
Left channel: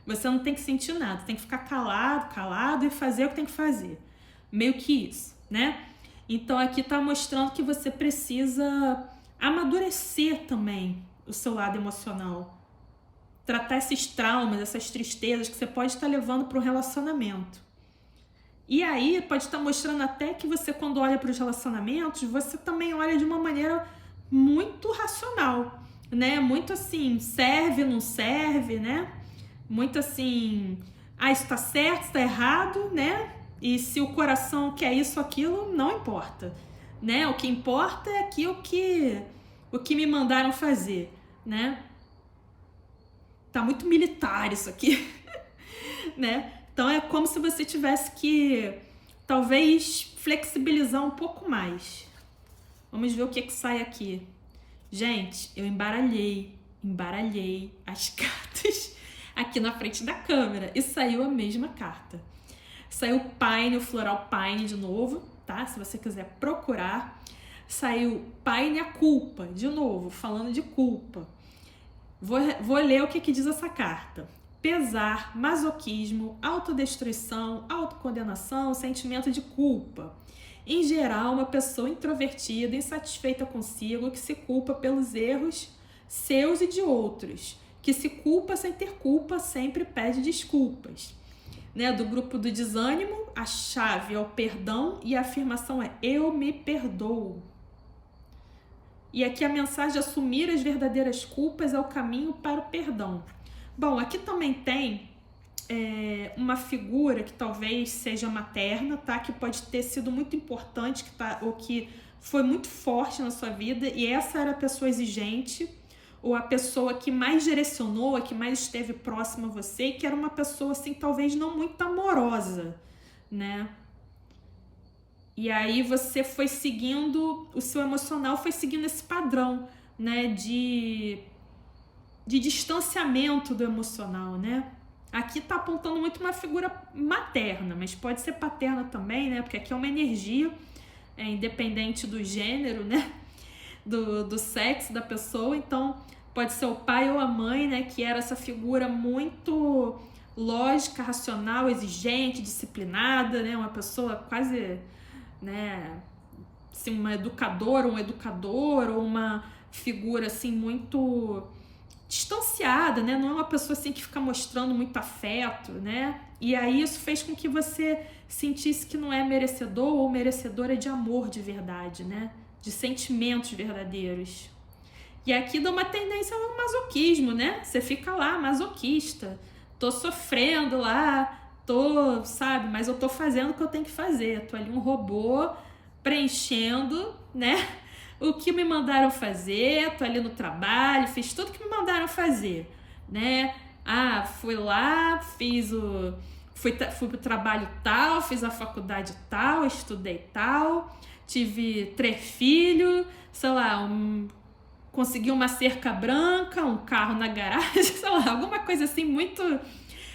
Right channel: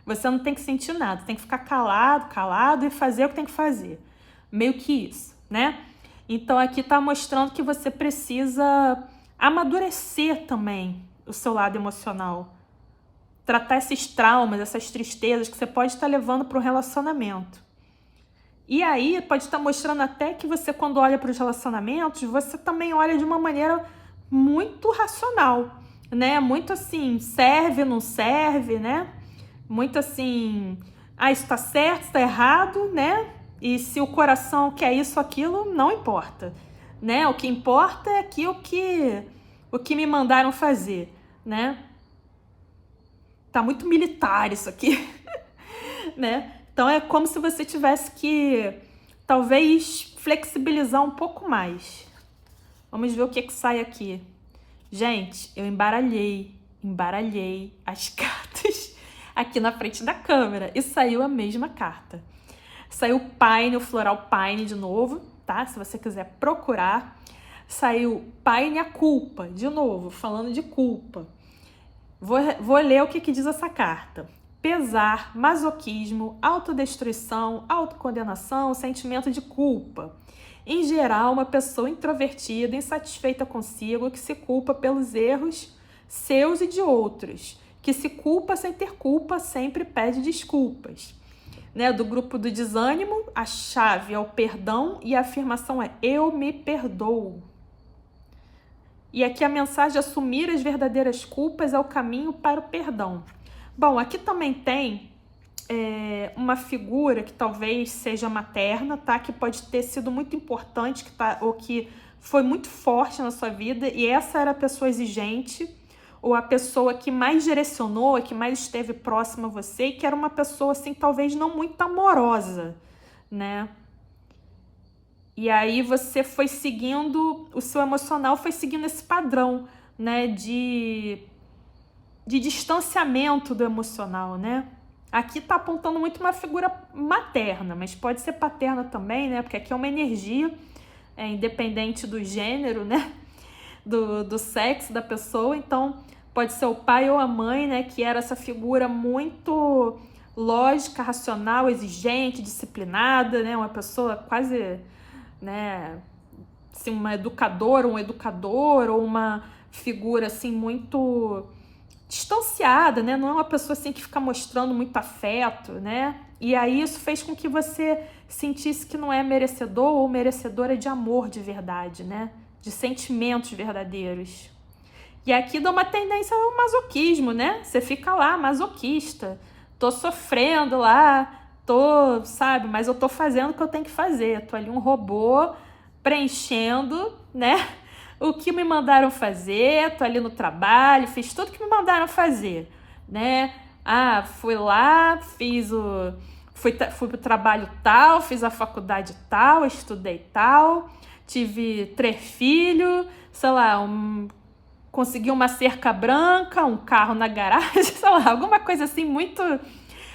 Você não tem que sentir nada, tem que ficar calado e fazer o que tem que fazer. Meio que isso, né? Então aqui tá mostrando que você precisa amadurecer também o seu lado emocional. Tratar esses traumas, essas tristezas que você pode estar levando para o relacionamento. E aí pode estar mostrando até que você, quando olha para os relacionamentos, você também olha de uma maneira muito racional, né? Muito assim, serve, não serve, né? Muito assim, isso tá certo, isso tá errado, né? E se o coração quer isso ou aquilo, não importa, né? O que importa é aqui o que me mandaram fazer, né? Tá muito militar isso aqui, né? Então é como se você tivesse que, talvez, flexibilizar um pouco mais. Vamos ver o que sai aqui. Gente, eu embaralhei as cartas aqui na frente da câmera e saiu a mesma carta. Saiu o Pine, o floral Pine de novo, tá? Se você quiser procurar. Saiu Pine, a culpa, de novo, falando de culpa. Vou ler o que diz essa carta. Pesar, masoquismo, autodestruição, autocondenação, sentimento de culpa. Em geral, uma pessoa introvertida, insatisfeita consigo, que se culpa pelos erros seus e de outros, que se culpa sem ter culpa, sempre pede desculpas. Né? Do grupo do desânimo, a chave é o perdão e a afirmação é eu me perdoo. E aqui a mensagem de assumir as verdadeiras culpas é o caminho para o perdão. Bom, aqui também tem uma figura que talvez seja materna, tá? Que pode ter sido muito importante, ou que foi muito forte na sua vida, e essa era a pessoa exigente, ou a pessoa que mais direcionou, que mais esteve próxima a você, e que era uma pessoa, assim, talvez não muito amorosa, né? E aí você foi seguindo, o seu emocional foi seguindo esse padrão, né, de distanciamento do emocional, né? Aqui tá apontando muito uma figura materna, mas pode ser paterna também, né? Porque aqui é uma energia, independente do gênero, né? Do sexo da pessoa. Então, pode ser o pai ou a mãe, né? Que era essa figura muito lógica, racional, exigente, disciplinada, né? Uma pessoa quase, né? Assim, uma educadora, um educador, ou uma figura, assim, muito distanciada, né? Não é uma pessoa assim que fica mostrando muito afeto, né? E aí isso fez com que você sentisse que não é merecedor ou merecedora de amor de verdade, né? De sentimentos verdadeiros. E aqui dá uma tendência ao masoquismo, né? Você fica lá, masoquista. Tô sofrendo lá, sabe? Mas eu tô fazendo o que eu tenho que fazer. Tô ali um robô preenchendo, né? O que me mandaram fazer, tô ali no trabalho, fiz tudo que me mandaram fazer, né? Fui lá, fui pro trabalho tal, fiz a faculdade tal, estudei tal, tive 3 filhos, sei lá, consegui uma cerca branca, um carro na garagem, sei lá, alguma coisa assim muito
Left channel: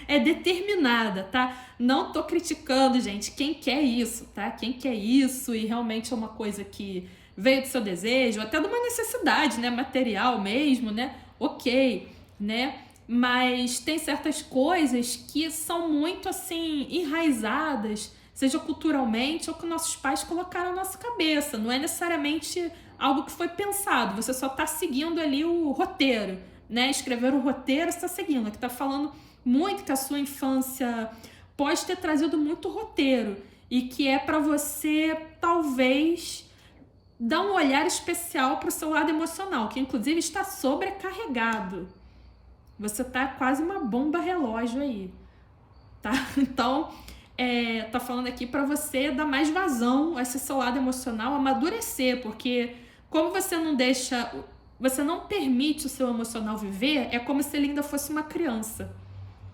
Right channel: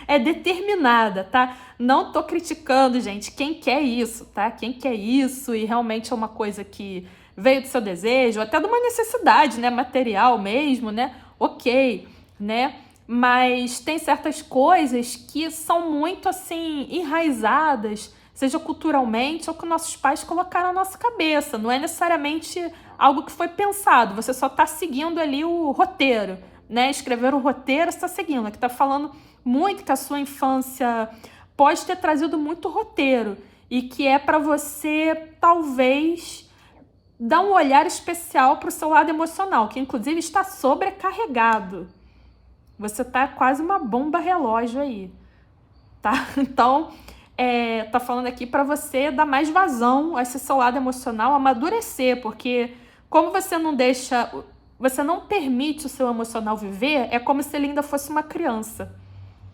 determinada, tá? Não tô criticando, gente, quem quer isso, tá? Quem quer isso e realmente é uma coisa que veio do seu desejo, até de uma necessidade, né, material mesmo, né, ok, né, mas tem certas coisas que são muito, assim, enraizadas, seja culturalmente ou que nossos pais colocaram na nossa cabeça, não é necessariamente algo que foi pensado, você só tá seguindo ali o roteiro, né, escrever o roteiro, você tá seguindo, aqui tá falando muito que a sua infância pode ter trazido muito roteiro e que é para você, talvez, dá um olhar especial para o seu lado emocional, que inclusive está sobrecarregado. Você tá quase uma bomba relógio aí, tá? Então, tá falando aqui para você dar mais vazão a esse seu lado emocional, amadurecer, porque como você não permite o seu emocional viver, é como se ele ainda fosse uma criança,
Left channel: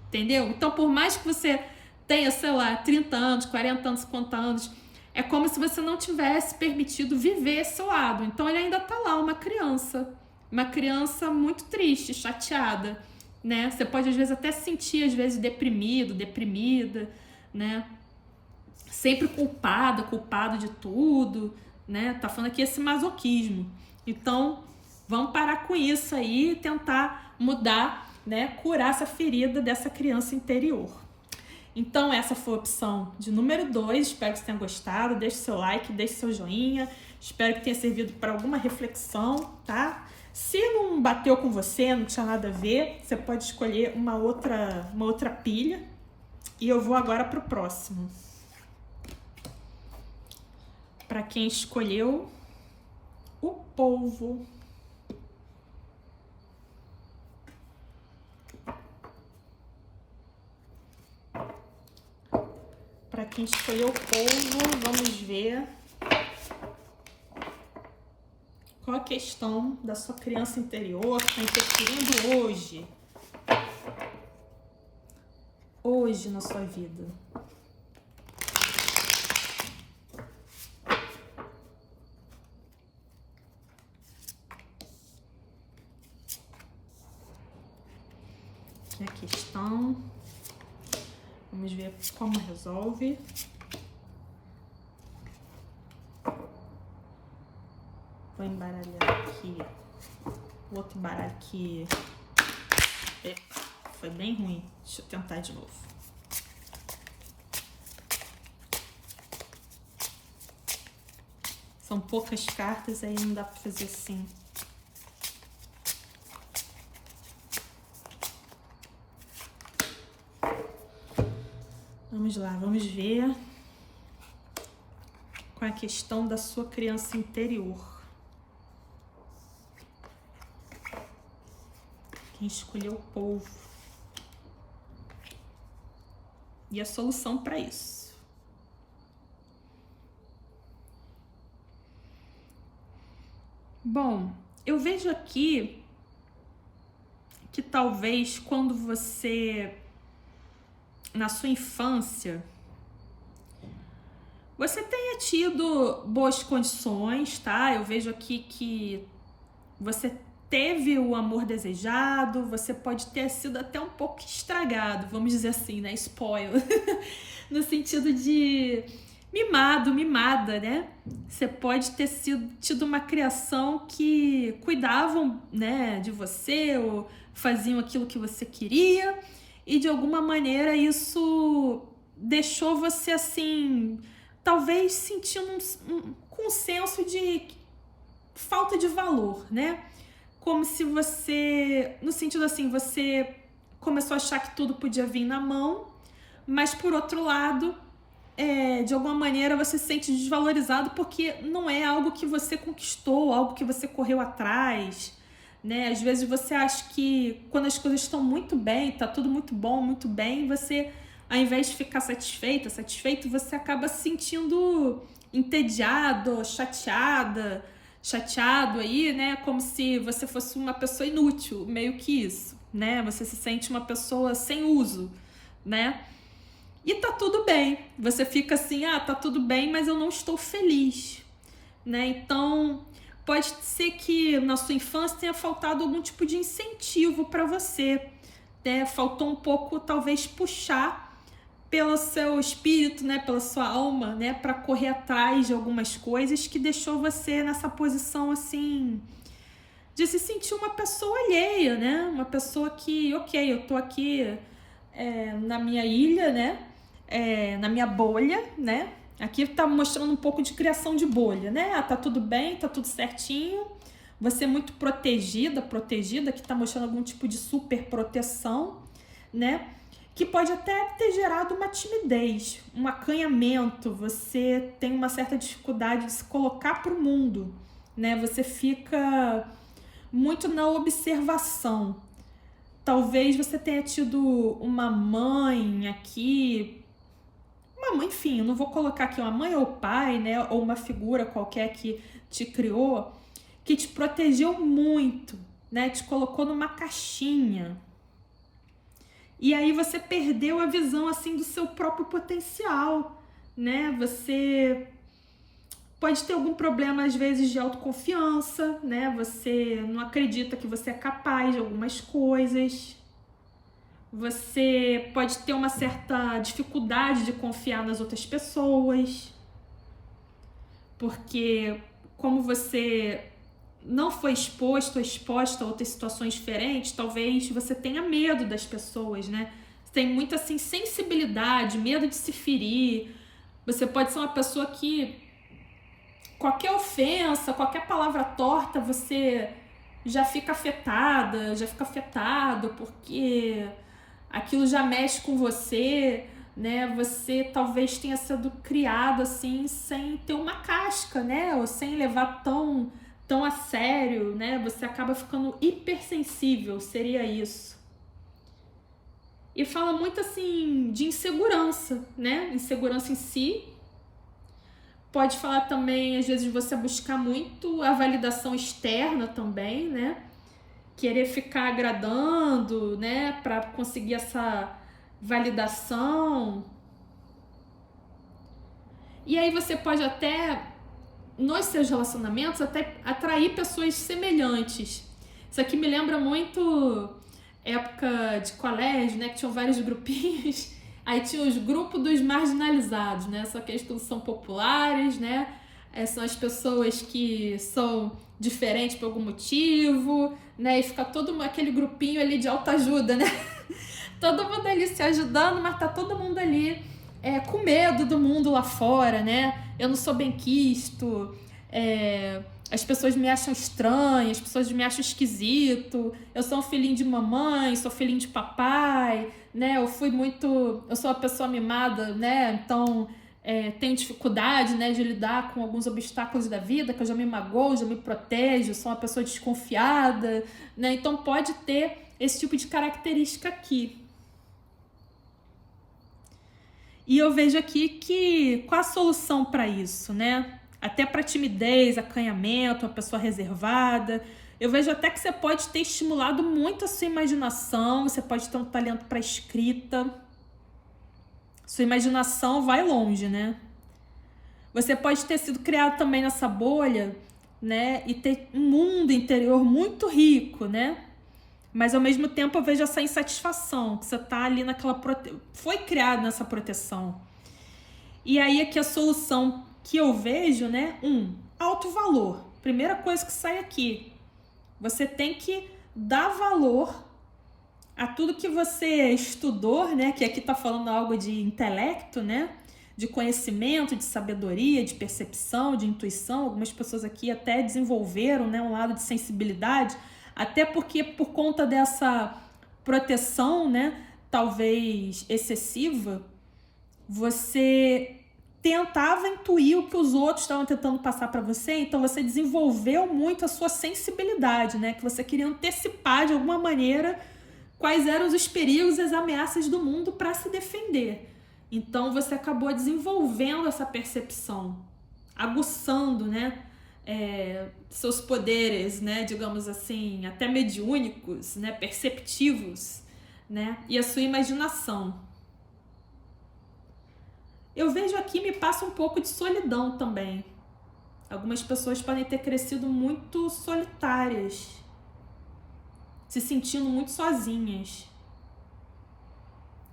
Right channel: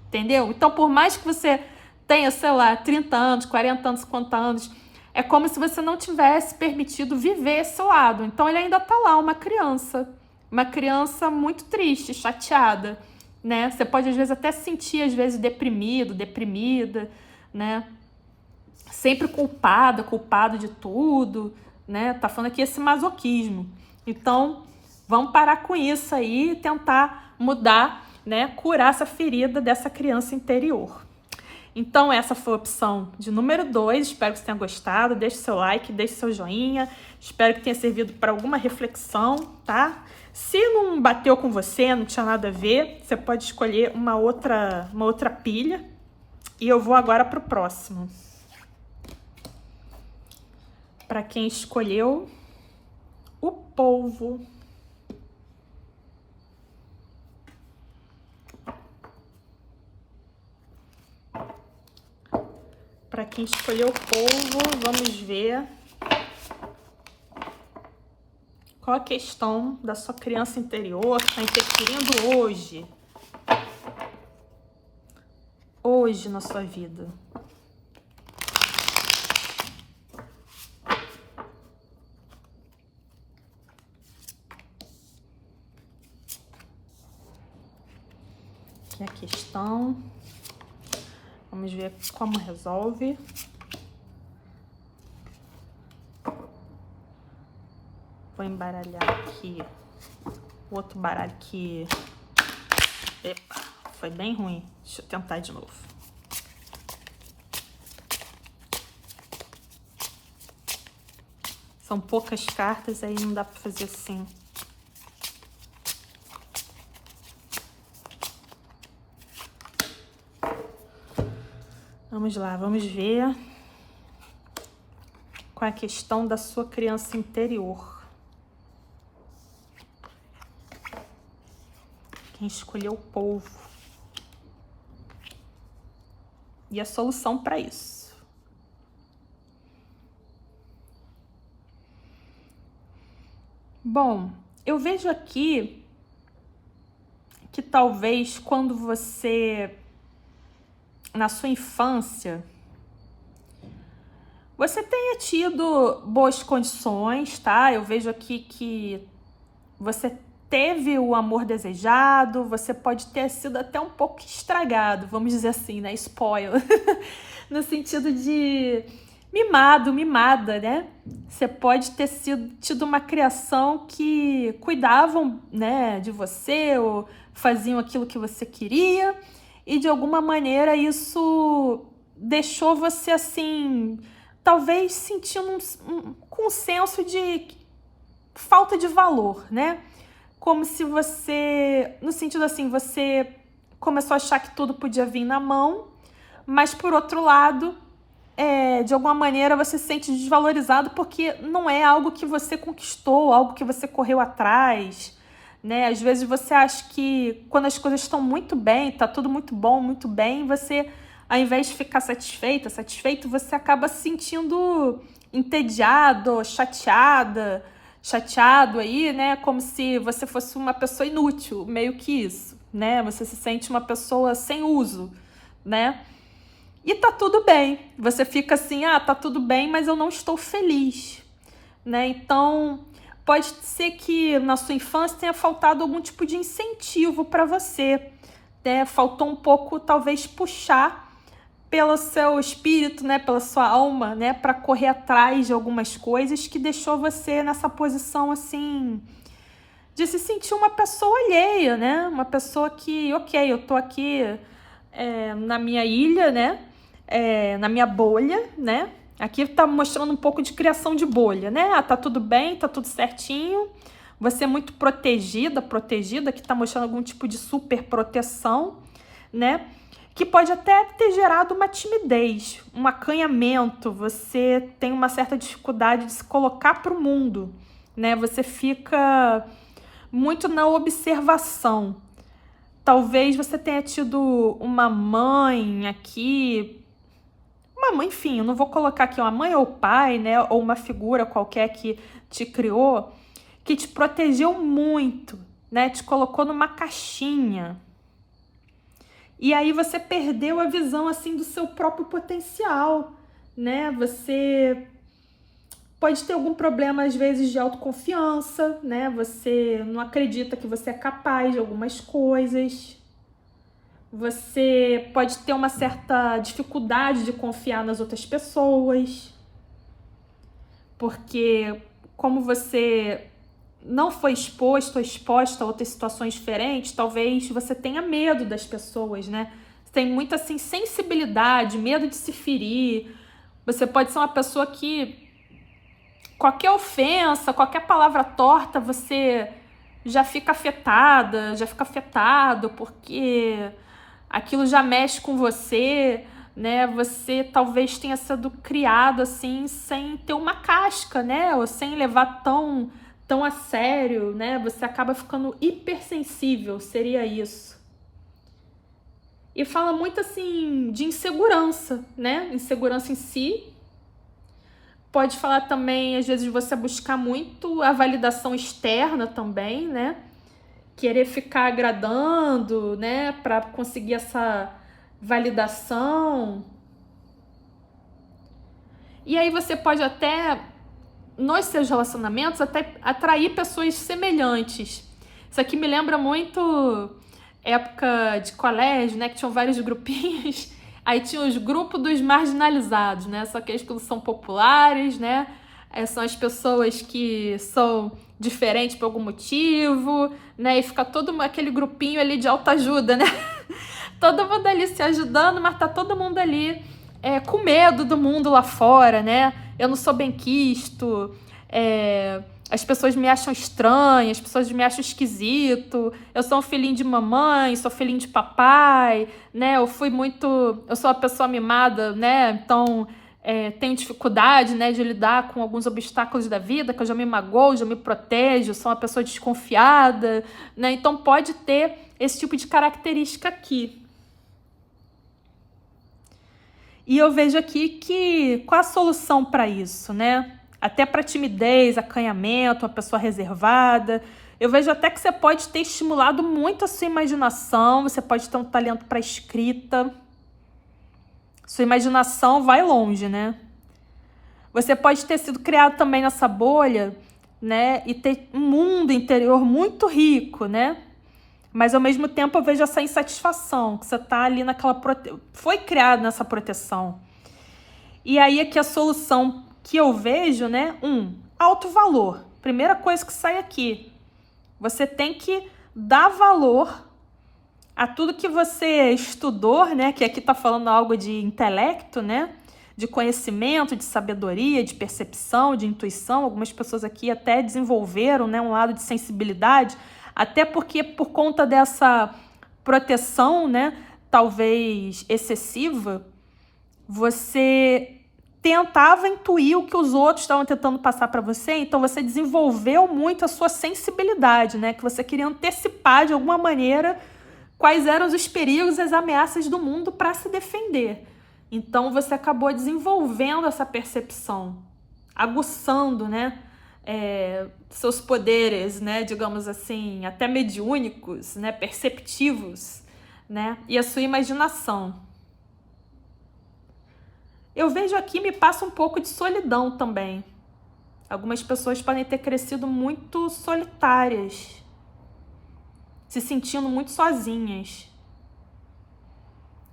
entendeu? Então, por mais que você tenha, sei lá, 30 anos, 40 anos, 50 anos, é como se você não tivesse permitido viver esse lado. Então ele ainda tá lá, uma criança muito triste, chateada, né? Você pode às vezes até se sentir às vezes deprimido, deprimida, né? Sempre culpado de tudo, né? Tá falando aqui esse masoquismo. Então, vamos parar com isso aí e tentar mudar, né? Curar essa ferida dessa criança interior. Então, essa foi a opção de número 2. Espero que você tenha gostado. Deixe seu like, deixe seu joinha. Espero que tenha servido para alguma reflexão, tá? Se não bateu com você, não tinha nada a ver, você pode escolher uma outra pilha. E eu vou agora para o próximo. Para quem escolheu o polvo. Para quem escolheu o polvo, vamos ver qual a questão da sua criança interior que está interferindo hoje na sua vida. Aqui a questão. Vamos ver como resolve. Vou embaralhar aqui o outro baralho que foi bem ruim. Deixa eu tentar de novo. São poucas cartas, aí não dá pra fazer assim. Vamos lá, vamos ver qual é a questão da sua criança interior. Quem escolheu o polvo. E a solução para isso. Bom, eu vejo aqui que talvez quando você, na sua infância, você tenha tido boas condições, tá? Eu vejo aqui que você teve o amor desejado, você pode ter sido até um pouco estragado, vamos dizer assim, né? Spoiler. No sentido de mimado, mimada, né? Você pode ter tido uma criação que cuidavam, né, de você, ou faziam aquilo que você queria, e de alguma maneira isso deixou você assim, talvez sentindo com um senso de falta de valor, né? Como se você, no sentido assim, você começou a achar que tudo podia vir na mão, mas por outro lado, de alguma maneira você se sente desvalorizado porque não é algo que você conquistou, algo que você correu atrás, né? Às vezes você acha que quando as coisas estão muito bem, tá tudo muito bom, muito bem, você, ao invés de ficar satisfeito, você acaba se sentindo entediado, chateado aí, né? Como se você fosse uma pessoa inútil, meio que isso, né? Você se sente uma pessoa sem uso, né? E tá tudo bem. Você fica assim, tá tudo bem, mas eu não estou feliz, né? Então, pode ser que na sua infância tenha faltado algum tipo de incentivo para você, né? Faltou um pouco, talvez, puxar pelo seu espírito, né? Pela sua alma, né? Para correr atrás de algumas coisas que deixou você nessa posição, assim, de se sentir uma pessoa alheia, né? Uma pessoa que, ok, eu tô aqui na minha ilha, né? Na minha bolha, né? Aqui tá mostrando um pouco de criação de bolha, né? Tá tudo bem, tá tudo certinho. Você é muito protegida, que tá mostrando algum tipo de super proteção, né? Que pode até ter gerado uma timidez, um acanhamento. Você tem uma certa dificuldade de se colocar pro mundo, né? Você fica muito na observação. Talvez você tenha tido uma mãe aqui, enfim, eu não vou colocar aqui uma mãe ou pai, né, ou uma figura qualquer que te criou, que te protegeu muito, né, te colocou numa caixinha. E aí você perdeu a visão, assim, do seu próprio potencial, né, você Pode ter algum problema, às vezes, de autoconfiança, né? Você não acredita que você é capaz de algumas coisas. Você pode ter uma certa dificuldade de confiar nas outras pessoas. Porque como você não foi exposto ou exposta a outras situações diferentes, talvez você tenha medo das pessoas, né? Você tem muita assim, sensibilidade, medo de se ferir. Você pode ser uma pessoa que qualquer ofensa, qualquer palavra torta, você já fica afetada, já fica afetado, porque aquilo já mexe com você, né? Você talvez tenha sido criado assim, sem ter uma casca, né? Ou sem levar tão a sério, né? Você acaba ficando hipersensível, seria isso. E fala muito assim de insegurança, né? Insegurança em si. Pode falar também, às vezes, você buscar muito a validação externa também, né? Querer ficar agradando, né? Para conseguir essa validação. E aí você pode até, nos seus relacionamentos, até atrair pessoas semelhantes. Isso aqui me lembra muito época de colégio, né? Que tinham vários grupinhos. Aí tinha os grupos dos marginalizados, né? Só que eles que são populares, né? São as pessoas que são diferentes por algum motivo, né? E fica todo aquele grupinho ali de autoajuda, né? Todo mundo ali se ajudando, mas tá todo mundo ali com medo do mundo lá fora, né? Eu não sou benquisto, as pessoas me acham estranha, as pessoas me acham esquisito, eu sou um filhinho de mamãe, sou filhinho de papai, né? Eu sou uma pessoa mimada, né? Então tenho dificuldade, né, de lidar com alguns obstáculos da vida, que eu já me magoo, já me protejo, sou uma pessoa desconfiada, né? Então pode ter esse tipo de característica aqui. E eu vejo aqui que qual a solução para isso, né? Até para timidez, acanhamento, uma pessoa reservada. Eu vejo até que você pode ter estimulado muito a sua imaginação, você pode ter um talento para escrita. Sua imaginação vai longe, né? Você pode ter sido criado também nessa bolha, né? E ter um mundo interior muito rico, né? Mas ao mesmo tempo eu vejo essa insatisfação, que você tá ali foi criado nessa proteção. E aí aqui a solução que eu vejo, né? Alto valor. Primeira coisa que sai aqui. Você tem que dar valor a tudo que você estudou, né? Que aqui tá falando algo de intelecto, né? De conhecimento, de sabedoria, de percepção, de intuição. Algumas pessoas aqui até desenvolveram, né, um lado de sensibilidade, até porque por conta dessa proteção, né, talvez excessiva, você tentava intuir o que os outros estavam tentando passar para você, então você desenvolveu muito a sua sensibilidade, né, que você queria antecipar de alguma maneira quais eram os perigos e as ameaças do mundo para se defender. Então você acabou desenvolvendo essa percepção, aguçando, né, seus poderes, né, digamos assim, até mediúnicos, né, perceptivos, né, e a sua imaginação. Eu vejo aqui, me passa um pouco de solidão também. Algumas pessoas podem ter crescido muito solitárias, se sentindo muito sozinhas.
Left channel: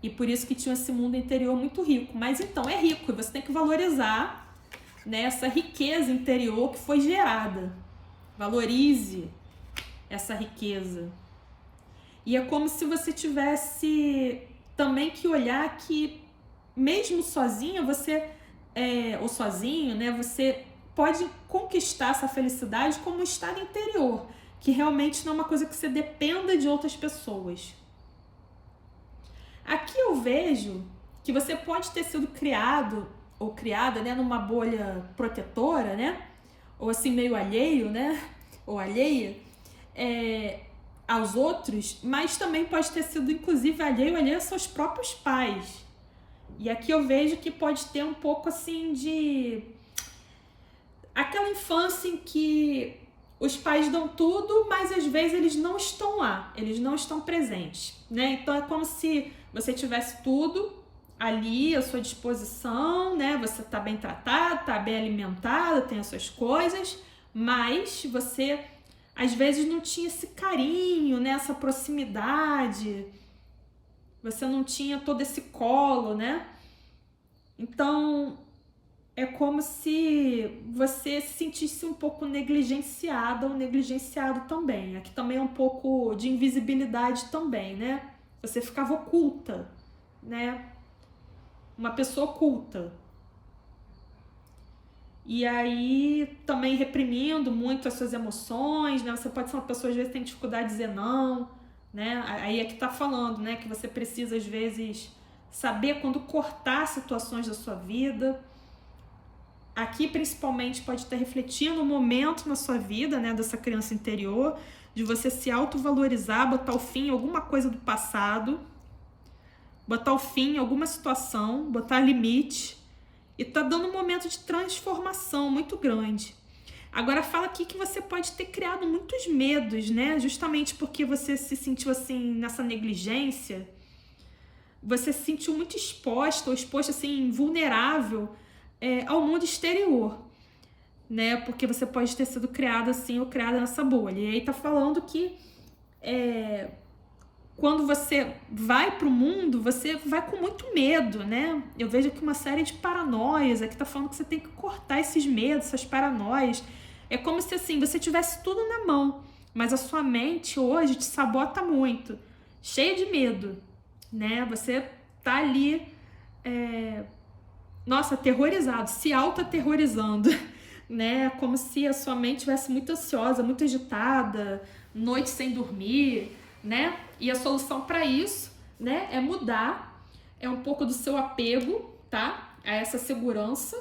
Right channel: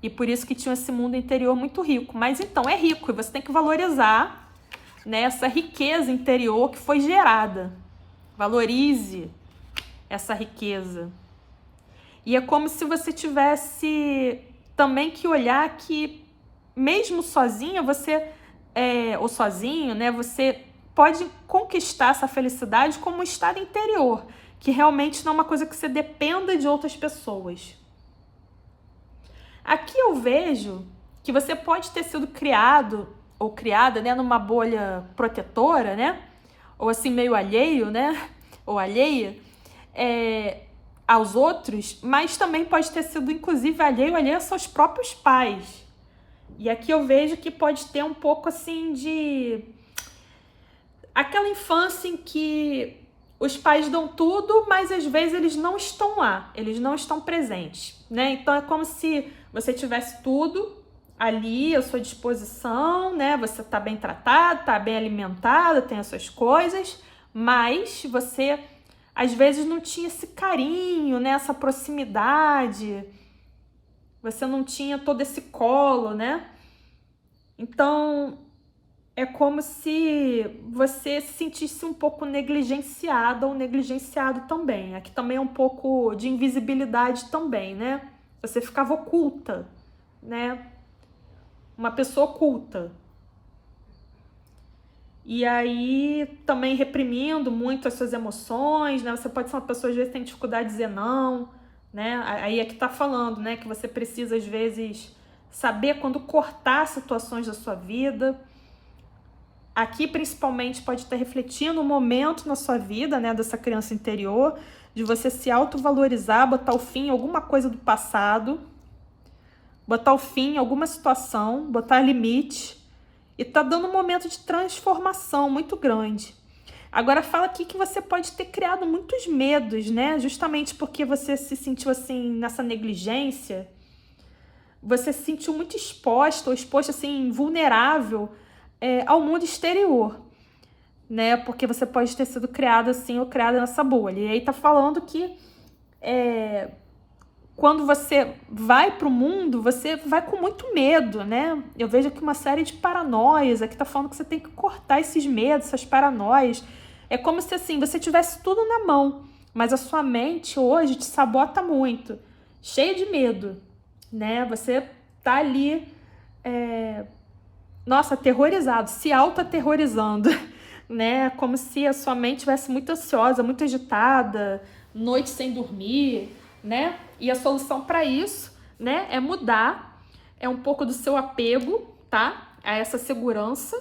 E por isso que tinha esse mundo interior muito rico. Mas então, é rico e você tem que valorizar, né, essa riqueza interior que foi gerada. Valorize essa riqueza. E é como se você tivesse também que olhar que mesmo sozinha, ou sozinho, né, você pode conquistar essa felicidade como um estado interior, que realmente não é uma coisa que você dependa de outras pessoas. Aqui eu vejo que você pode ter sido criado ou criada, né, numa bolha protetora, né, ou assim meio alheio, né, ou alheia aos outros, mas também pode ter sido inclusive alheio aos seus próprios pais. E aqui eu vejo que pode ter um pouco assim de aquela infância em que os pais dão tudo, mas às vezes eles não estão lá, eles não estão presentes, né? Então é como se você tivesse tudo ali à sua disposição, né? Você tá bem tratado, tá bem alimentado, tem as suas coisas, mas você às vezes não tinha esse carinho, né? Essa proximidade, você não tinha todo esse colo, né? Então é como se você se sentisse um pouco negligenciada ou negligenciado também. Aqui também é um pouco de invisibilidade também, né? Você ficava oculta, né? Uma pessoa oculta. E aí também reprimindo muito as suas emoções, né? Você pode ser uma pessoa, às vezes, que tem dificuldade de dizer não, né? Aí é que tá falando, né? Que você precisa, às vezes, saber quando cortar situações da sua vida. Aqui, principalmente, pode estar refletindo um momento na sua vida, né? Dessa criança interior, de você se autovalorizar, botar o fim em alguma coisa do passado, botar o fim em alguma situação, botar limite. E tá dando um momento de transformação muito grande. Agora fala aqui que você pode ter criado muitos medos, né? Justamente porque você se sentiu assim nessa negligência. Você se sentiu muito exposta ou exposto assim, vulnerável ao mundo exterior, né? Porque você pode ter sido criado assim ou criada nessa bolha. E aí tá falando que quando você vai pro mundo, você vai com muito medo, né? Eu vejo aqui uma série de paranoias. Aqui tá falando que você tem que cortar esses medos, essas paranoias. É como se assim, você tivesse tudo na mão, mas a sua mente hoje te sabota muito, cheia de medo, né? Você tá ali, nossa, aterrorizado, se auto-aterrorizando, né? Como se a sua mente estivesse muito ansiosa, muito agitada, noite sem dormir, né? E a solução para isso, né, é mudar, é um pouco do seu apego, tá? A essa segurança.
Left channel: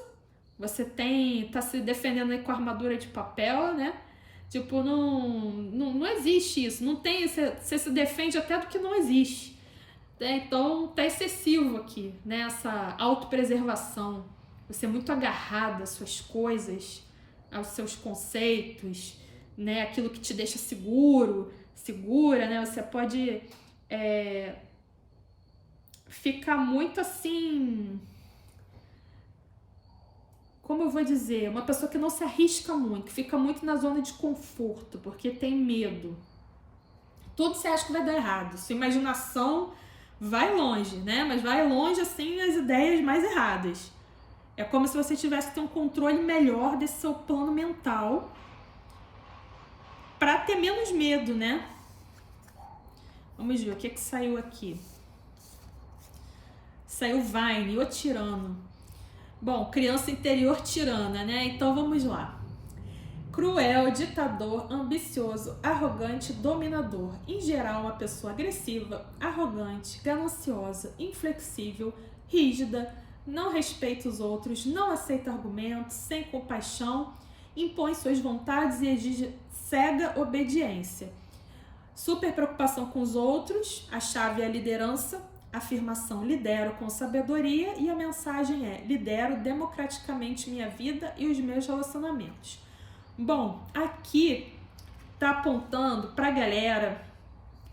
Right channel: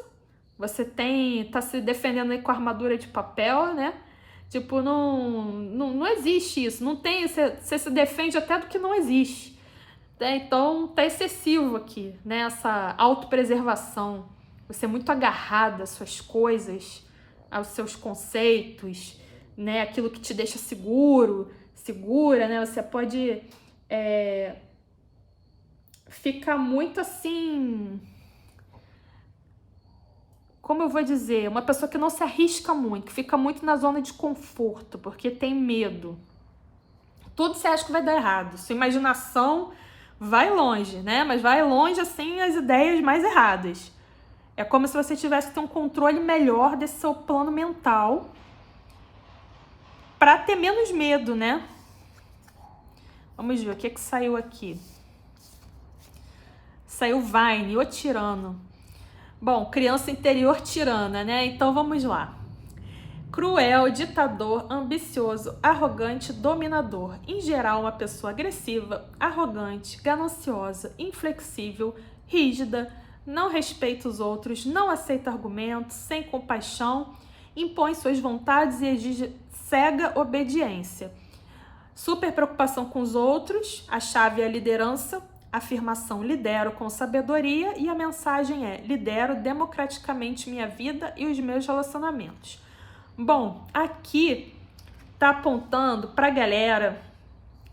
Você tá se defendendo aí com a armadura de papel, né? Tipo, não existe isso, não tem, você se defende até do que não existe. Né? Então, tá excessivo aqui, né? Essa autopreservação. Você é muito agarrada às suas coisas, aos seus conceitos, né? Aquilo que te deixa segura, né? Você pode ficar muito assim, como eu vou dizer, uma pessoa que não se arrisca muito, que fica muito na zona de conforto, porque tem medo. Tudo você acha que vai dar errado. Sua imaginação vai longe, né? Mas vai longe, assim, as ideias mais erradas. É como se você tivesse que ter um controle melhor desse seu plano mental para ter menos medo, né? Vamos ver o que saiu aqui. Saiu Vine, o tirano. Bom, criança interior tirana, né? Então vamos lá. Cruel, ditador, ambicioso, arrogante, dominador. Em geral, uma pessoa agressiva, arrogante, gananciosa, inflexível, rígida, não respeita os outros, não aceita argumentos, sem compaixão, impõe suas vontades e exige cega obediência. Super preocupação com os outros, a chave é a liderança, afirmação lidero com sabedoria e a mensagem é lidero democraticamente minha vida e os meus relacionamentos. Bom, aqui tá apontando pra galera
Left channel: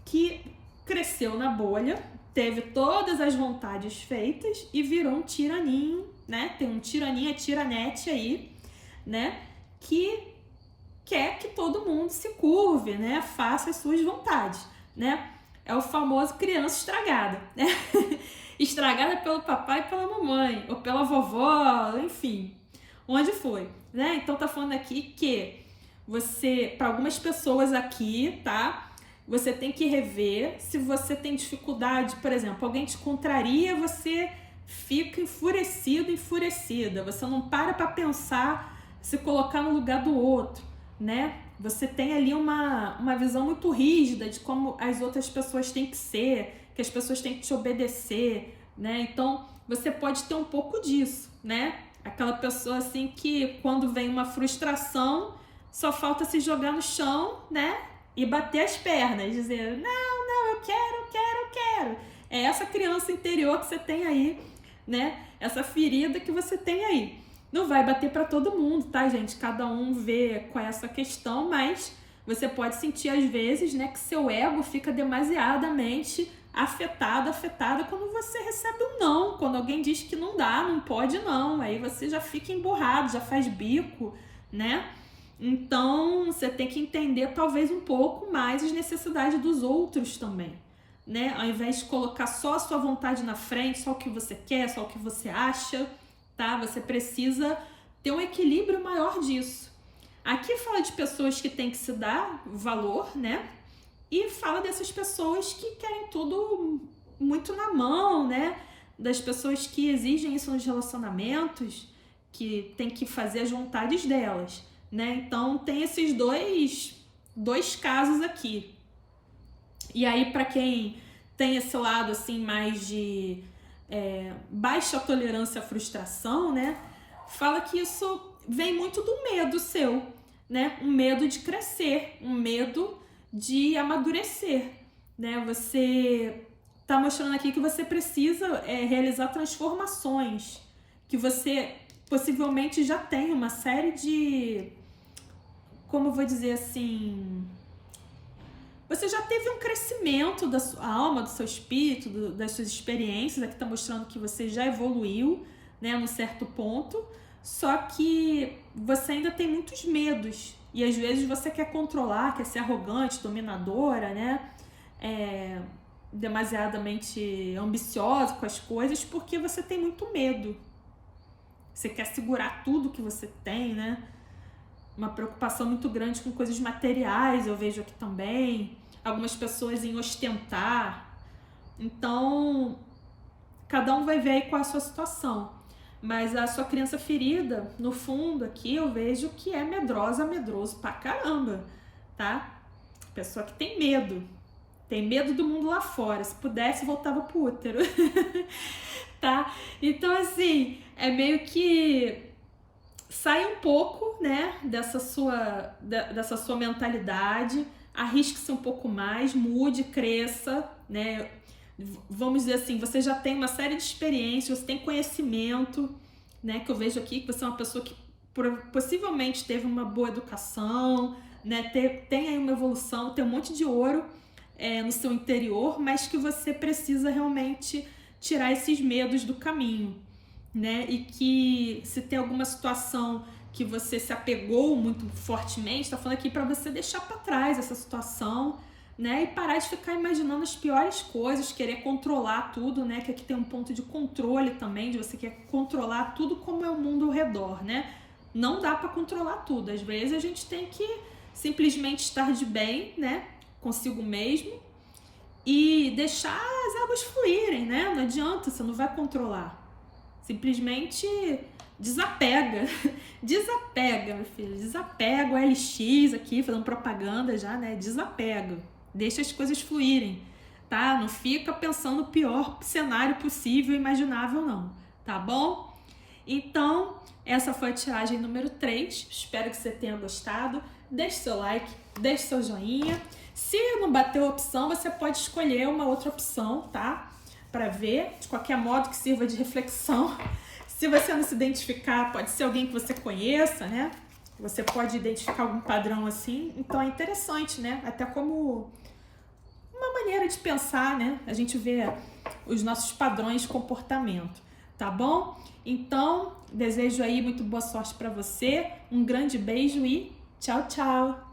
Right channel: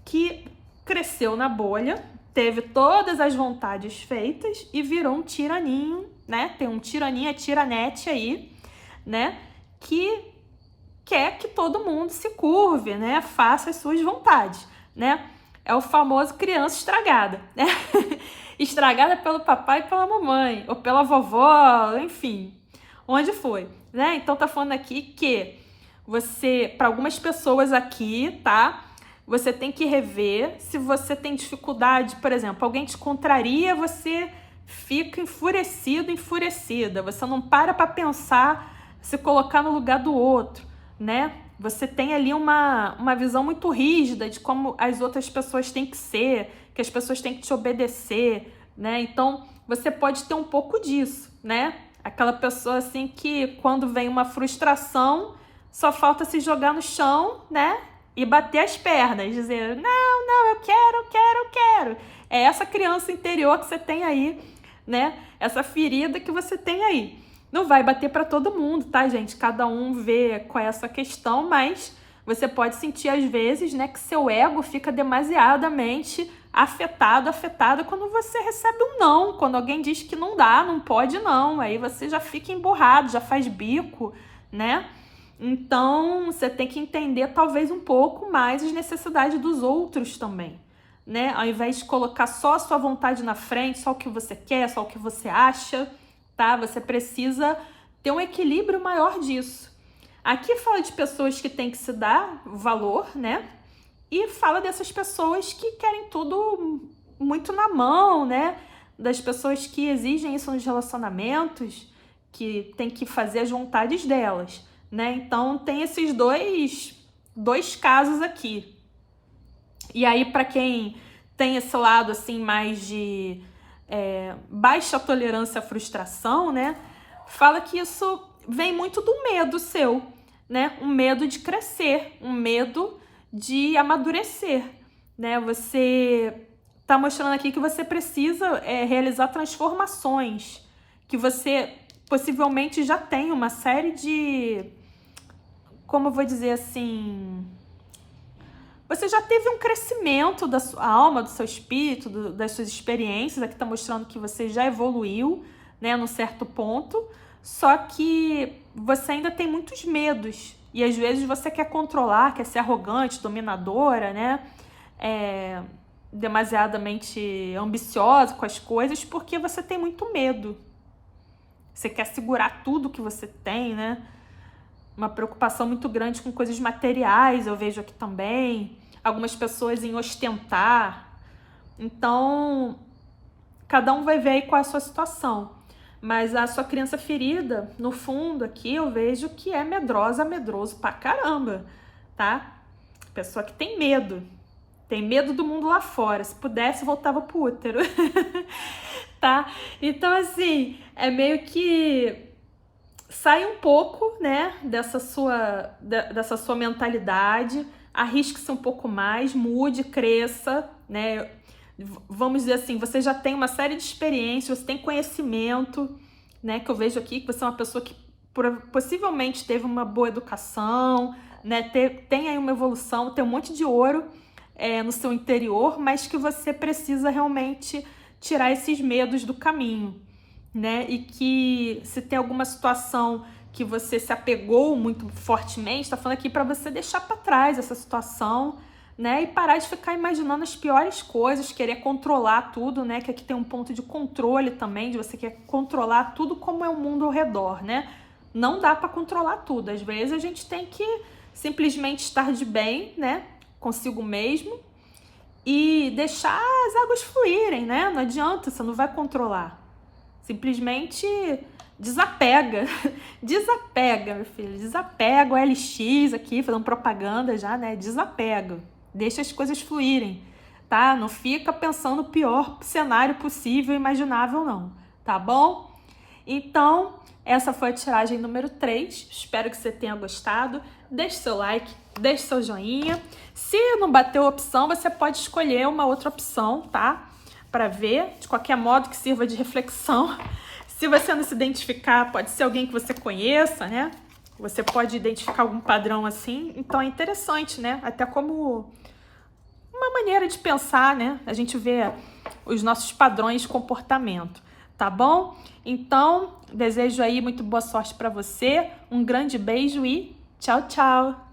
que cresceu na bolha, teve todas as vontades feitas e virou um tiraninho, né? Tem um tiraninho, tiranete aí, né? Que quer que todo mundo se curve, né? Faça as suas vontades, né? É o famoso criança estragada, né? Estragada pelo papai e pela mamãe, ou pela vovó, enfim, onde foi, né? Então tá falando aqui que você, para algumas pessoas aqui, tá? Você tem que rever se você tem dificuldade, por exemplo, alguém te contraria, você fica enfurecido, enfurecida, você não para pensar, se colocar no lugar do outro, né? Você tem ali uma visão muito rígida de como as outras pessoas têm que ser, que as pessoas têm que te obedecer, né? Então, você pode ter um pouco disso, né? Aquela pessoa assim que quando vem uma frustração, só falta se jogar no chão, né? E bater as pernas, dizer, não, eu quero. É essa criança interior que você tem aí, né? Essa ferida que você tem aí. Não vai bater para todo mundo, tá, gente? Cada um vê qual é essa questão, mas você pode sentir às vezes, né, que seu ego fica demasiadamente afetada quando você recebe um não, quando alguém diz que não dá, não pode não, aí você já fica emburrado, já faz bico, né? Então, você tem que entender talvez um pouco mais as necessidades dos outros também, né? Ao invés de colocar só a sua vontade na frente, só o que você quer, só o que você acha, tá? Você precisa ter um equilíbrio maior disso. Aqui fala de pessoas que têm que se dar valor, né? E fala dessas pessoas que querem tudo muito na mão, né? Das pessoas que exigem isso nos relacionamentos, que tem que fazer as vontades delas, né? Então tem esses dois casos aqui. E aí, para quem tem esse lado assim mais de baixa tolerância à frustração, né? Fala que isso vem muito do medo seu, né? Um medo de crescer, um medo de amadurecer, né? Você tá mostrando aqui que você precisa realizar transformações, que você possivelmente já tem uma série de, como eu vou dizer assim, você já teve um crescimento da sua alma, do seu espírito, das suas experiências. Aqui tá mostrando que você já evoluiu, né, num certo ponto, só que você ainda tem muitos medos. E às vezes você quer controlar, quer ser arrogante, dominadora, né? Demasiadamente ambiciosa com as coisas, porque você tem muito medo. Você quer segurar tudo que você tem, né? Uma preocupação muito grande com coisas materiais, eu vejo aqui também. Algumas pessoas em ostentar. Então, cada um vai ver aí qual é a sua situação. Mas a sua criança ferida, no fundo aqui, eu vejo que é medroso pra caramba, tá? Pessoa que tem medo do mundo lá fora. Se pudesse, voltava pro útero, tá? Então, assim, é meio que sai um pouco, né, dessa sua mentalidade, arrisque-se um pouco mais, mude, cresça, né? Vamos dizer assim, você já tem uma série de experiências, você tem conhecimento, né? Que eu vejo aqui que você é uma pessoa que possivelmente teve uma boa educação, né? Tem aí uma evolução, tem um monte de ouro no seu interior, mas que você precisa realmente tirar esses medos do caminho, né? E que se tem alguma situação que você se apegou muito fortemente, tá falando aqui para você deixar para trás essa situação, né? E parar de ficar imaginando as piores coisas, querer controlar tudo, né? Que aqui tem um ponto de controle também, de você quer controlar tudo como é o mundo ao redor, né? Não dá para controlar tudo. Às vezes a gente tem que simplesmente estar de bem, né? Consigo mesmo e deixar as águas fluírem, né? Não adianta, você não vai controlar. Simplesmente desapega. Desapega, meu filho. Desapega o LX aqui, fazendo propaganda já, né? Desapega. Deixa as coisas fluírem, tá? Não fica pensando o pior cenário possível, imaginável, não. Tá bom? Então, essa foi a tiragem número 3. Espero que você tenha gostado. Deixe seu like, deixe seu joinha. Se não bateu a opção, você pode escolher uma outra opção, tá? Para ver, de qualquer modo que sirva de reflexão. Se você não se identificar, pode ser alguém que você conheça, né? Você pode identificar algum padrão assim. Então é interessante, né? Até como uma maneira de pensar, né? A gente vê os nossos padrões de comportamento, tá bom? Então, desejo aí muito boa sorte para você. Um grande beijo e tchau, tchau!